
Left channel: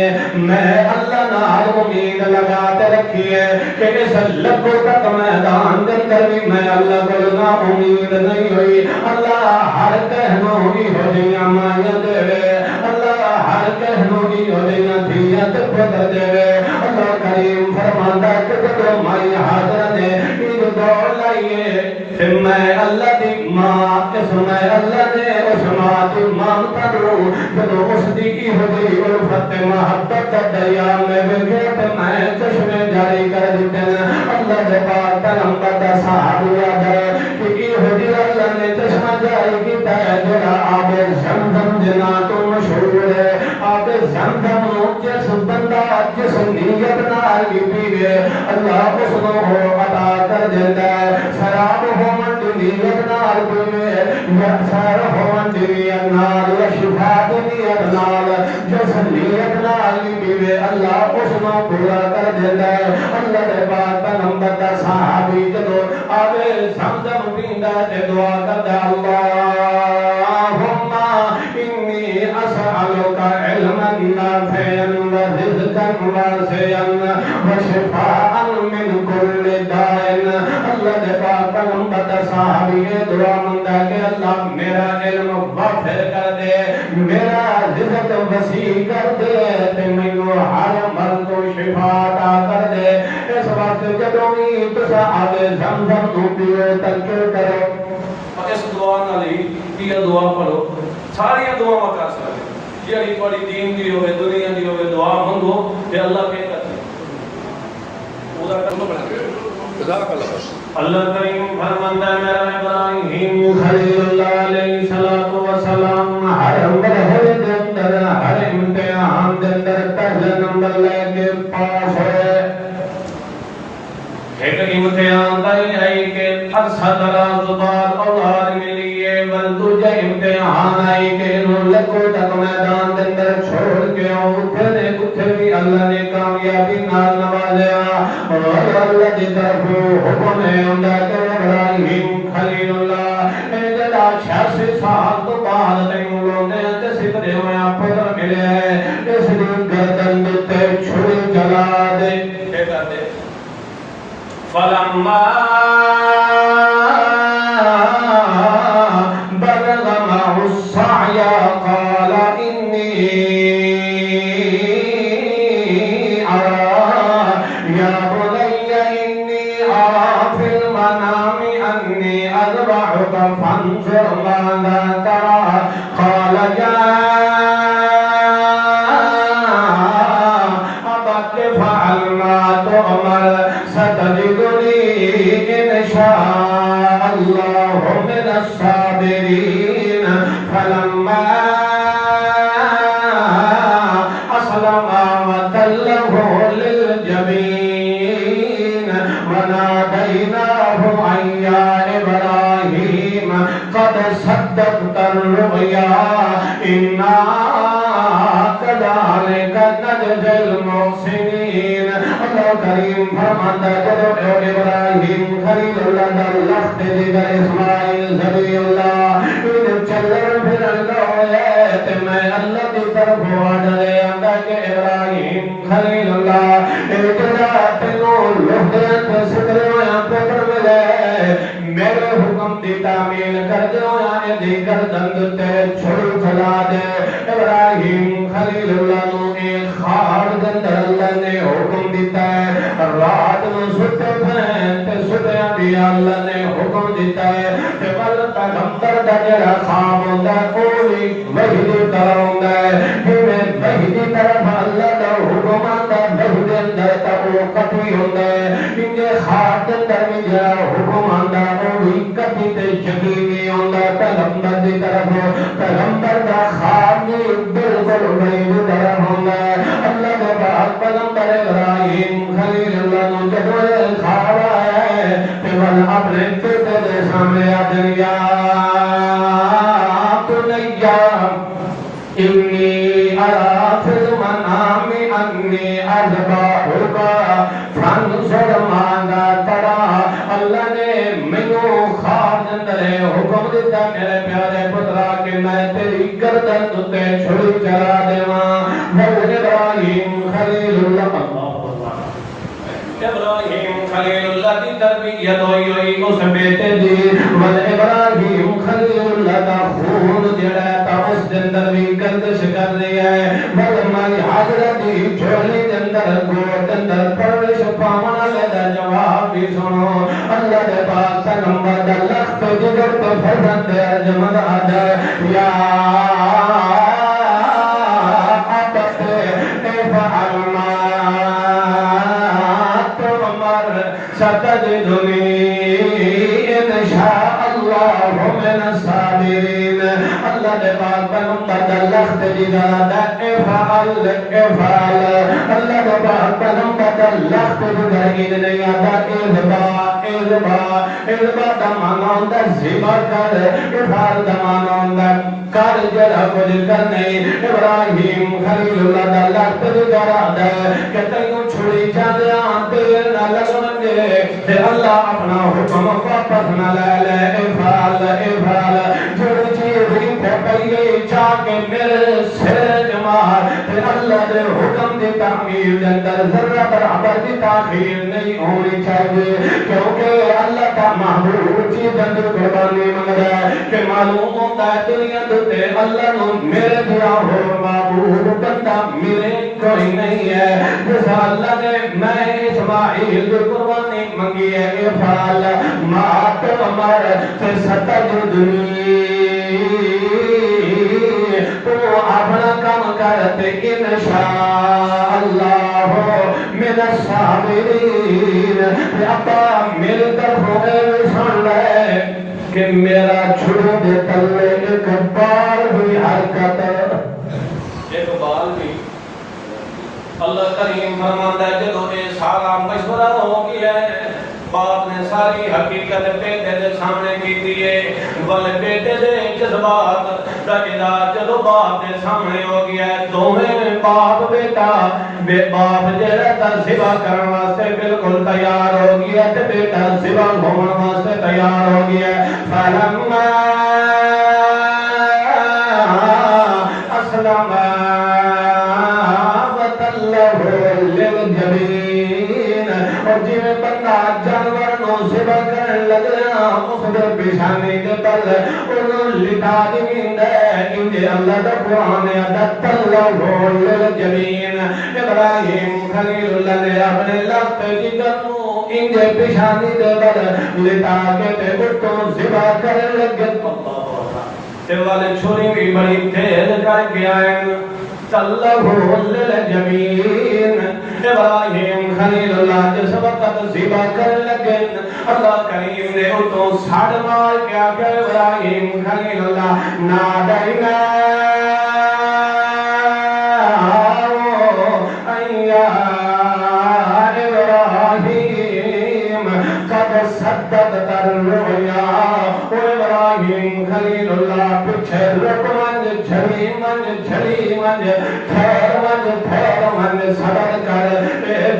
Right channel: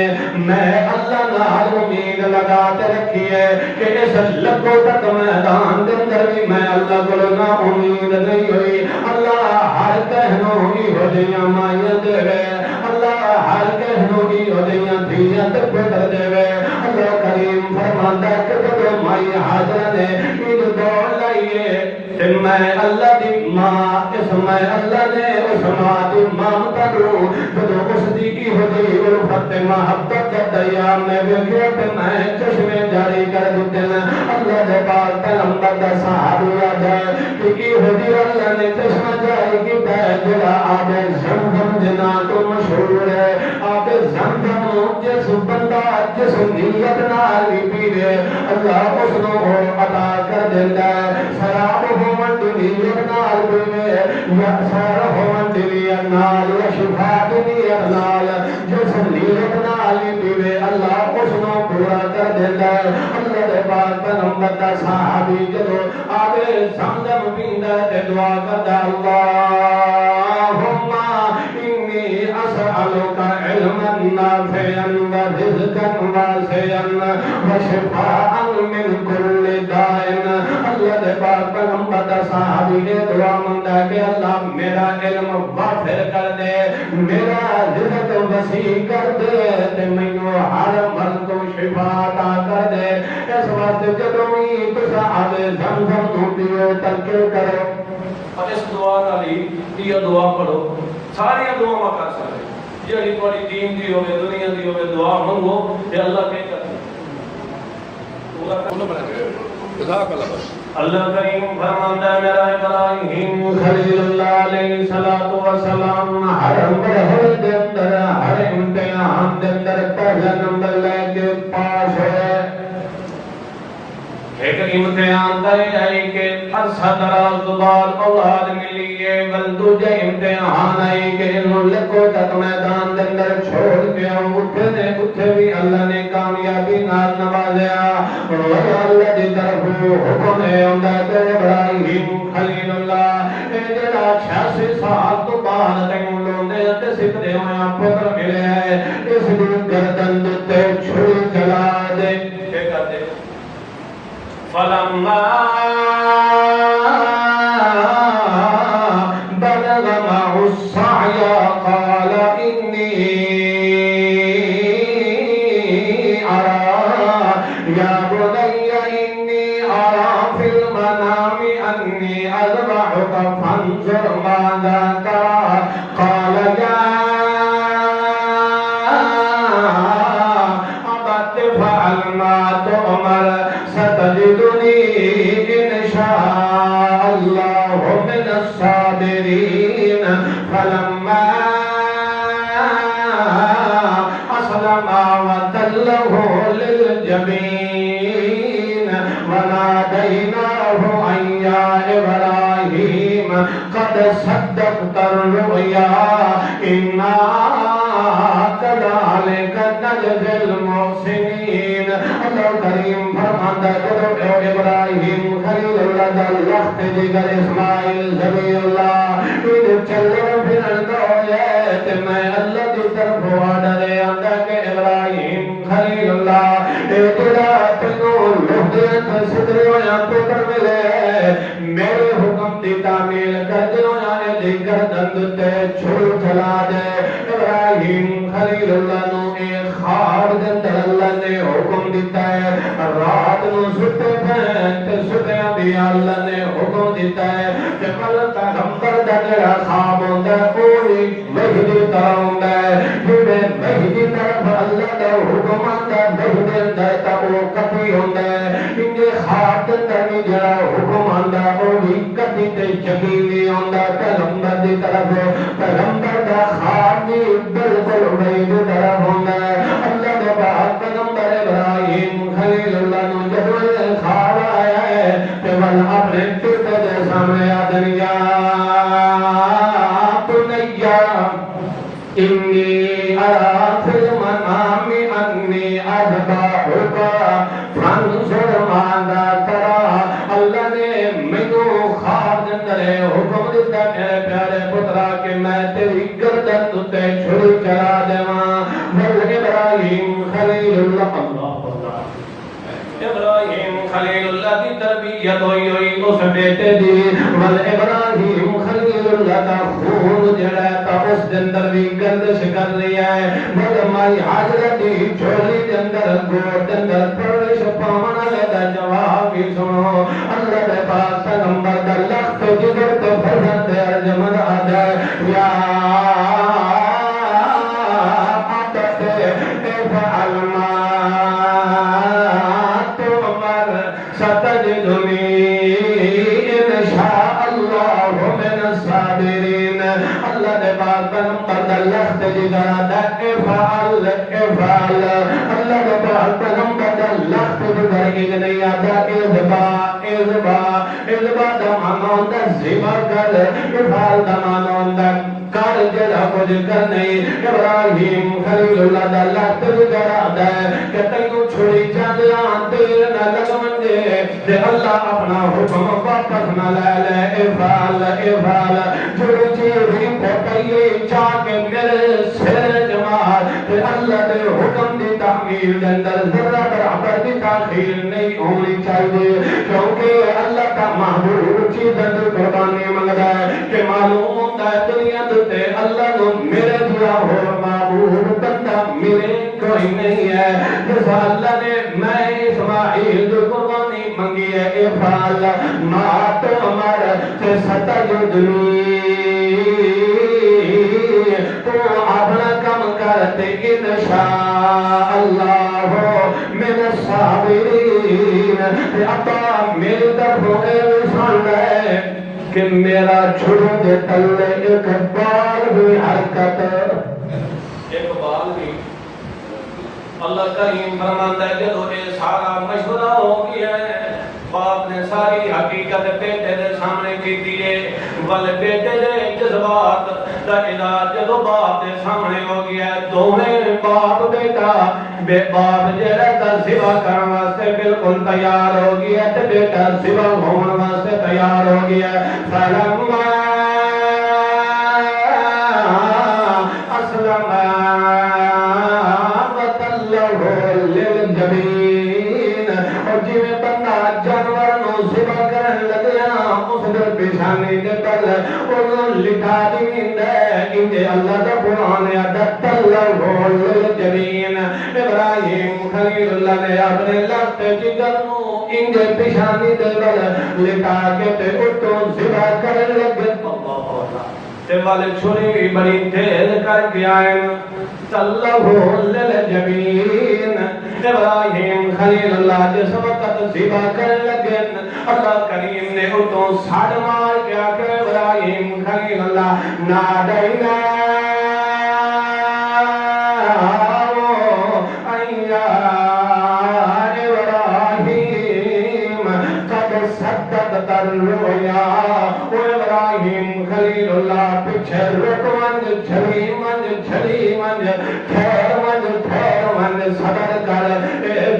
میں اللہ نال امید لگا تے رکھی ہے کہ اس لبو تک میدان دے اندر بھی میں اللہ کو نا امید نہیں ہوئی اللہ ہر کہنوی ہو جیاں مائیں دے وے اللہ ہر کہنوی ہو جیاں دھیاں تے پتر دے وے اللہ کریم فرماندا کہ جب مائی حاضرہ نے عید دوڑ لائیے کہ میں اللہ دی ماں اس میں اللہ نے اس ماں دی مامتا دوں جب اس دی کی ہوئی الفت محبت دریا میں ویٹ میں چشمے جاری کر دیتے ہیں اللہ دے پاک پیغمبر دا صحابیہ ہے کہ کی ہوئی اللہ نے چشمہ جاری کیتا ہے جڑا آب زمزم جنا تو مشہور ہے آب زمزم نو جس بندہ جس نیت نال بھی پیوے اللہ اس نو عطا کر دیتا ہے شراب ہو من نیت نال پیوے یا سارا ہون دیویت نال یا شفا دیویت نال جو سلیت نال پیوے اللہ اس نو پورا کر دیتا ہے اللہ دے پاک پیغمبر دا صحابی جدو آوے زمزم پیندا تے دعا کردا اللہم انی اسألک علما نافعا ورزقا واسعا وشفاء من کل داء اللہ دے پاک پیغمبر دا صحابی دعا منگتا ہے کہ اللہ میرا علم وافر کر دے میرا رزق وسیع کر دے تے مینوں ہر مرض تو شفا عطا کر دے اس واسطے جدوں بھی تساں آوے زمزم تو پیو تذکر کرو اور اس دعا نال ہی یہ دعا پڑھو ساری دعا کر سکتے جڑی تھوڑی دین دی ہوے دنیا دی ہوے دعا منگو تے اللہ کے کرتے پورا کرنا بنا جزاک اللہ اللہ کریم فرماندا میرا ابراہیم خلیل اللہ علیہ الصلوۃ والسلام ہر مرحلے دے اندر ہر امتحان دے اندر پہلا نمبر لے کے پاس ہوئے ایک امتحان دا آئی کہ عرصہ دراز بعد اولاد ملی ہے دوجا امتحان آئی کہ انہوں لکھو تک میدان دے اندر چھوڑ دیا اتھے بھی اللہ نے کامیابی نال نوازیا اور اللہ دی طرف حکم ہے اندہ کہ ابراہیم خلیل اللہ اے جڑا 86 سال تو بعد تک انہوں نے سدھے ہویا پتر ملے ہے اس دی گردن تے چھری چلا دے کیا کر دے فلما بلغ معه السعي قال إني أرى يا بني إني أرى في المنام أني أذبحك فانظر ماذا ترى قال يا أبت فعل ما تؤمر ستجدني إن شاء الله من الصابرين فلما أسلم وتله للجبين وناديناه أن يا إبراهيم قد صدقت الرؤيا إنا كذلك نجزي المحسنين اللہ کریم فرماتا ہے جب ابراہیم خلیل اللہ دا لخت جگر اسماعیل ذبی اللہ ان چلن پھرن گوئے تے میں اللہ دی طرف آڈرے آندا کہ ابراہیم خلیل اللہ اے جڑا تینوں لوہدیاں تے سدریاں پتر ملے میرے حکم دی تعمیل کر جو یعنی دی گردن تے چھڑ چلا دے ابراہیم خلیل اللہ نو ایک خار دے اندر اللہ نے حکم دیتا ہے رات نو ستے پھین تے ستے بھی اللہ نے حکم دیتا ہے کہ پل پیغمبر دا جڑا خواب ہوندا ہے او بھی وحی دی طرح ہوندا ہے جویں وحی دی طرف اللہ دا حکم آندا وحی دے اندر تا او کبھی ہوندا ہے انجے خواب دے اندر بھی جڑا حکم آندا او بھی کبھی تے یقینی ہوندا پیغمبر دی طرف پیغمبر دا خواب بھی بالکل وحی دی طرح ہوندا ہے اللہ دے پاک پیغمبر ابراہیم خلیل اللہ نو جب خواب آیا ہے کہ ول اپنے پتے دے سامنے آ دنیا بنیا انی ارا فی المنام انی اذبحک فانظر ماذا ترى اللہ نے مینوں خواب دے اندر حکم دیتا میرے پیارے پترا کہ میں تیری گردن تے چھری چلا دیواں ول ابراہیم خلیل اللہ ابراہیم خلیل اللہ دی تربیت ہوئی ہوئی اس بیٹے دی ول ابراہیم خلیل اللہ کا خون جڑا تا اس دے اندر بھی گردش کر رہی ہے ول مائی حاضر دی جھولی دے اندر گوٹ اندر پرورش پاون والے دا جواب بھی سنو اللہ دے پاک پیغمبر دا لخت جگر تو فرزند دے جمد آ جائے یا ابت افعل ما ستجدنی ان شاء اللہ من الصابرین اللہ دے پاک پیغمبر دا لخت جگر دا افعل افعل اللہ دے پاک پیغمبر دا لخت جگر نہیں آتا اذبا اذبا دمانون دا زبا کر افال دمانون دا کار جڑا کچھ کرنے ابراہیم خلیل اللہ دا لگت جڑا دے کہ تینوں چھوڑی جاندیاں تیر نہ لگون گے تے اللہ اپنا حکم واپس نہ لے لے افال جڑی چیزیں تے پہلے چاہ کے میرے سر جمال تے اللہ دے حکم دی تعمیل دے اندر ذرہ برابر دی تاخیر نہیں ہونی چاہیے کیونکہ اللہ کا محبوب چیزیں دی قربانی منگ رہا ہے کہ معلوم ہوتا ہے دنیا دے اللہ نو میرے دیا ہو معبود بندہ میرے کوئی نہیں ہے جس اللہ نے میں اسماعیل جو قربانی منگی ہے افعال ما تؤمر فستجدنی تو اپنا کام کرتے انشاءاللہ من الصابرین ابا میری طرف ہوئے سن رہے کہ میرا چھوڑ دے تلے ایک بال ہوئی حرکت ایک بال بھی اللہ کریم فرماتا ہے جدو اے سارا مشورہ ہو گیا ہے باپ نے ساری حقیقت بیٹے دے سامنے کی دیئے بل بیٹے دے جذبات دا علاج جدو باپ دے سامنے ہو گیا ہے دوہیں باپ بیٹا بے باپ جڑا تا ذبح کرن واسطے بالکل تیار ہو گیا تے بیٹا ذبح ہون واسطے تیار ہو گیا فلما اسلم وتلہ للجبین اور جی میں بندہ جانور نو ذبح کرن لگیا اس دے پیشانی کے تل انہوں لٹا دین دے انجے اللہ دا قرآن عدد تلہ للجبین ابراہیم خلیل اللہ نے اپنے لفت جگر انجے پیشانی دے بل لٹا کے تے اٹھو ذبح کرن لگے تے والے چھوڑی بھی بڑی تیز کر کے آئیں تلہ للجبین ابراہیم خلیل اللہ جس وقت ذبح کرن لگے اللہ کریم نے اٹھو ساڑھ مار کیا کہ ابراہیم خلیل اللہ نادینا صدقت الرؤیا او ابراہیم خلیل اللہ پچھے رک منج جھلی منج تھیر منج صبر کر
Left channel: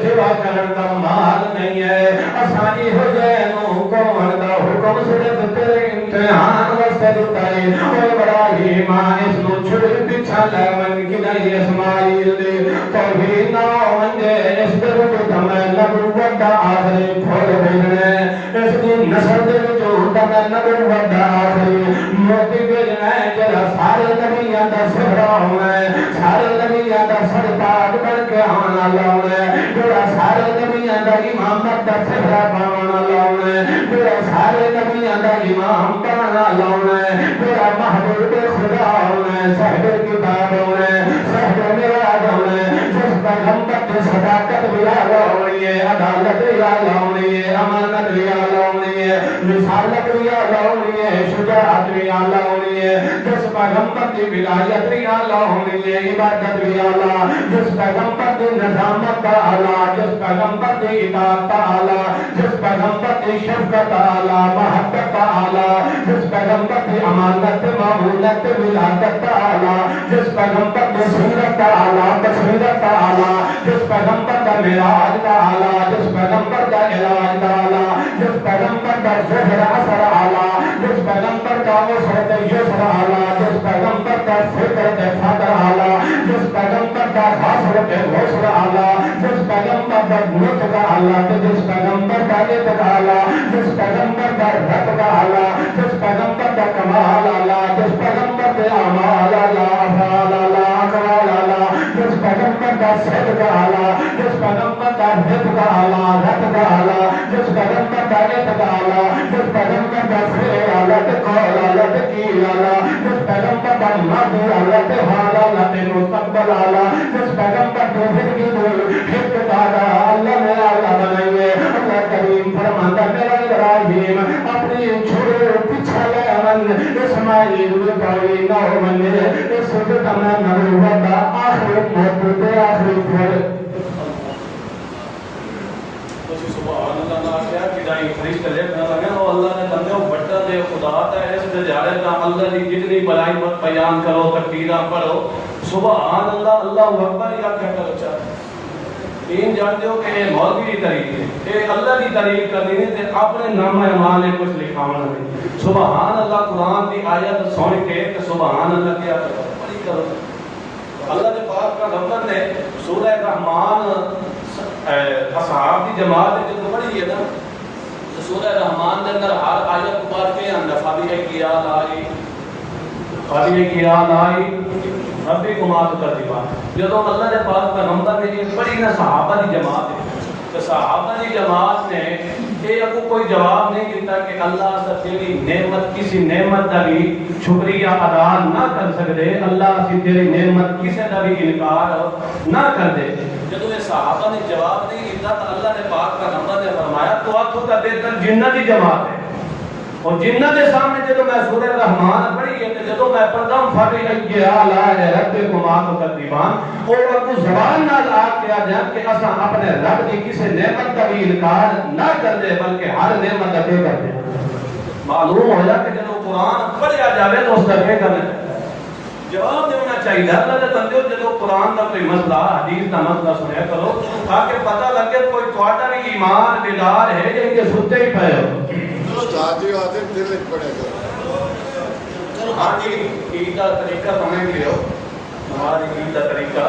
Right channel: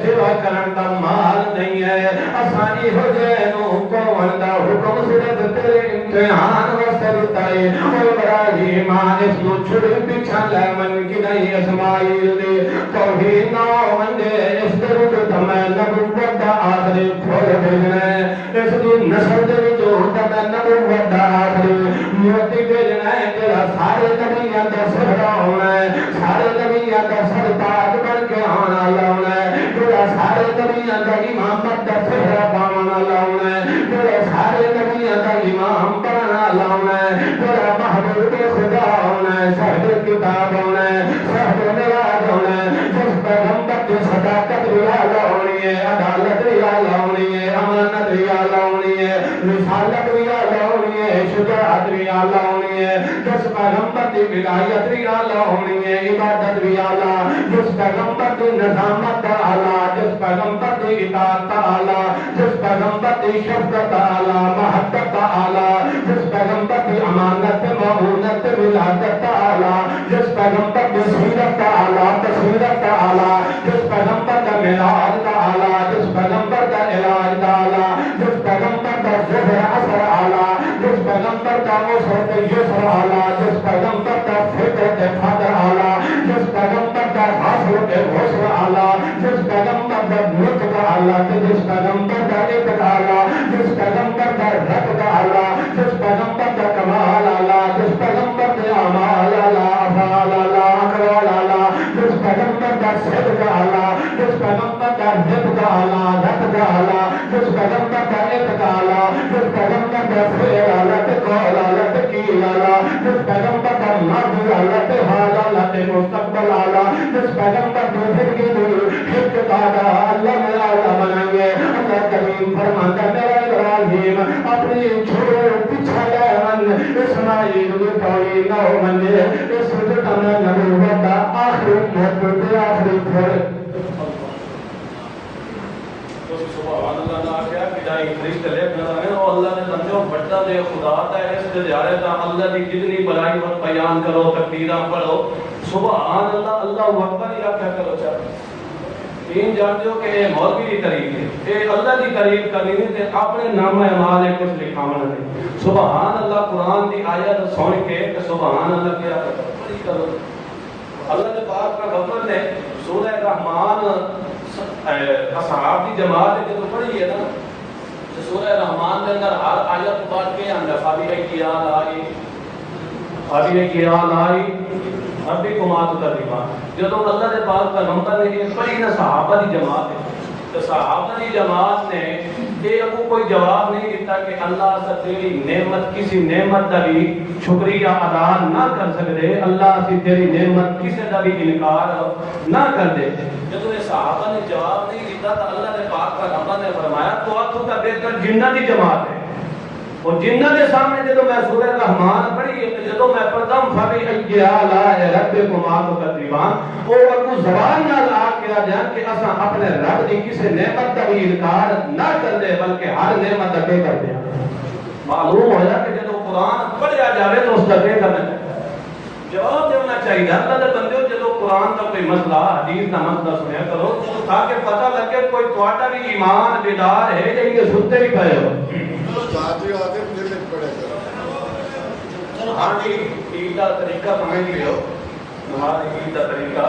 ذبح کرن دا مال نہیں ہے آسانی ہو جائے نو کون دا حکم صرف تیرے امتحان واسطے دتائے او ابراہیم اس نو چھڑے پیچھا لے من کی نہیں اسماعیل دے توحید نہ منجے اس در تو تمہیں نبوت دا آخری پھول بھیجنا اس دی نسل دے جو تمہیں نبوت دا آخری موتی بھیجنا ہے جڑا سارے نبیاں دا سہرا ہونا ہے سارے نبیاں دا سرتاج بن کے آنا لاؤنا ہے جڑا سارے نبیاں دا امامت دا سہرا بانا لاؤنا ہے جڑا سارے نبیاں دا امام بانا لاؤنا ہے جڑا محبوب خدا ہونا ہے صاحب کتاب ہونا ہے صاحب نراج ہونا ہے جس پیغمبر کی صداقت بھی اعلیٰ ہونی ہے عدالت بھی اعلیٰ ہونی ہے امانت بھی اعلیٰ ہونی ہے رسالت بھی اعلیٰ ہونی ہے شجاعت بھی اعلیٰ ہونی ہے جس پیغمبر کی ولایت بھی اعلیٰ ہونی ہے عبادت بھی اعلیٰ جس پیغمبر کی نظامت کا اعلیٰ جس پیغمبر کی اطاعت کا اعلیٰ جس پیغمبر کی شفقت اعلیٰ محبت کا اعلیٰ جس پیغمبر کی امانت معونت ولادت کا اعلیٰ جس پیغمبر کی سیرت کا اعلیٰ بصیرت کا اعلیٰ جس پیغمبر کا معراج کا اعلیٰ جس پیغمبر کا علاج کا اعلیٰ جس پیغمبر کا ظہر اثر اعلیٰ جس پیغمبر کا وسعت یسر اعلیٰ جس پیغمبر کا فکر فقر اعلیٰ جس پیغمبر کا حاصل غسل اعلیٰ جس پیغمبر کا نطق اعلیٰ جس پیغمبر کا عتق اعلیٰ جس پیغمبر کا رب کا اعلیٰ جس پیغمبر کا کمال اعلیٰ جس پیغمبر کے اعمال اعلیٰ افعال اعلیٰ اقوال اعلیٰ جس پیغمبر کا صدق اعلیٰ جس پیغمبر کا حفظ اعلیٰ رب کا اعلیٰ جس پیغمبر کا عتق اعلیٰ جس پیغمبر کا فعل اعلیٰ قول اعلیٰ تقیل اعلیٰ جس پیغمبر کا ماضی اعلیٰ حال اعلیٰ مستقبل اعلیٰ جس پیغمبر کو حفظ اعلیٰ اللہ میں اعلیٰ بنائیے اللہ کریم فرماتا میرا ابراہیم اپنی چھوڑے پیچھا لے من اسماعیل جو پائی نہ ہو منجے اس وقت میں نبوت دا آخری موت دے آخری پھول سبحان اللہ نہ کیا کہ جائیں فرشتے لکھنے لگے وہ اللہ نے بندے بڑا دے خدا کا ہے اس دہاڑے دا اللہ دی جتنی بڑائی وقت بیان کرو تکبیراں پڑھو سبحان اللہ اللہ اکبر یا کیا کرو چاہتے تین جانتے ہو کہ یہ مولوی کی تعریف ہے یہ اللہ کی تعریف کرنی ہے تے اپنے نام اعمال کچھ لکھاونا نہیں سبحان اللہ قرآن کی آیت سن کے کہ سبحان اللہ کیا کرو اللہ نے پاک کا نمبر نے سورہ رحمان اصحاب کی جماعت جو پڑھی ہے نا سورہ رحمان نے اندر ہر آیت پڑھ کے ہم فابی کیا لائی ربی کو مات کر دیوا جب اللہ نے پاک کا نمبر نے یہ پڑھی نا صحابہ کی جماعت ہے تو صحابہ کی جماعت نے یہ ابو کوئی جواب نہیں دیتا کہ اللہ سے تیری نعمت کسی نعمت کا بھی شکریہ ادا نہ کر سکتے اللہ سے تیری نعمت کسی کا بھی انکار نہ کر دے جب یہ صحابہ نے جواب نہیں دیتا تو اللہ نے پاک کا نمبر نے فرمایا تو اب تو کا بہتر جنہ کی جماعت ہے اور جنہ کے سامنے جب میں سورہ رحمان پڑھی ہے تو جب میں پڑھتا ہوں فبی ای آلاء ربکما تکذبان اور کو زبان نہ لا کیا جان کہ اساں اپنے رب دی کسی نعمت کا بھی انکار نہ کر دے بلکہ ہر نعمت کا کر دے معلوم ہو جائے کہ جب قرآن پڑھیا جاوے تو اس کا کیا کرنا چاہیے جواب دینا چاہیے اللہ نے بندے جب قرآن کا کوئی مسئلہ حدیث کا مسئلہ سنیا کرو تاکہ پتہ لگے کوئی تھوڑا بھی ایمان بیدار ہے یا یہ سنتے بھی پڑے ہو ہاں جی عید کا طریقہ سمجھ لو ہماری عید کا طریقہ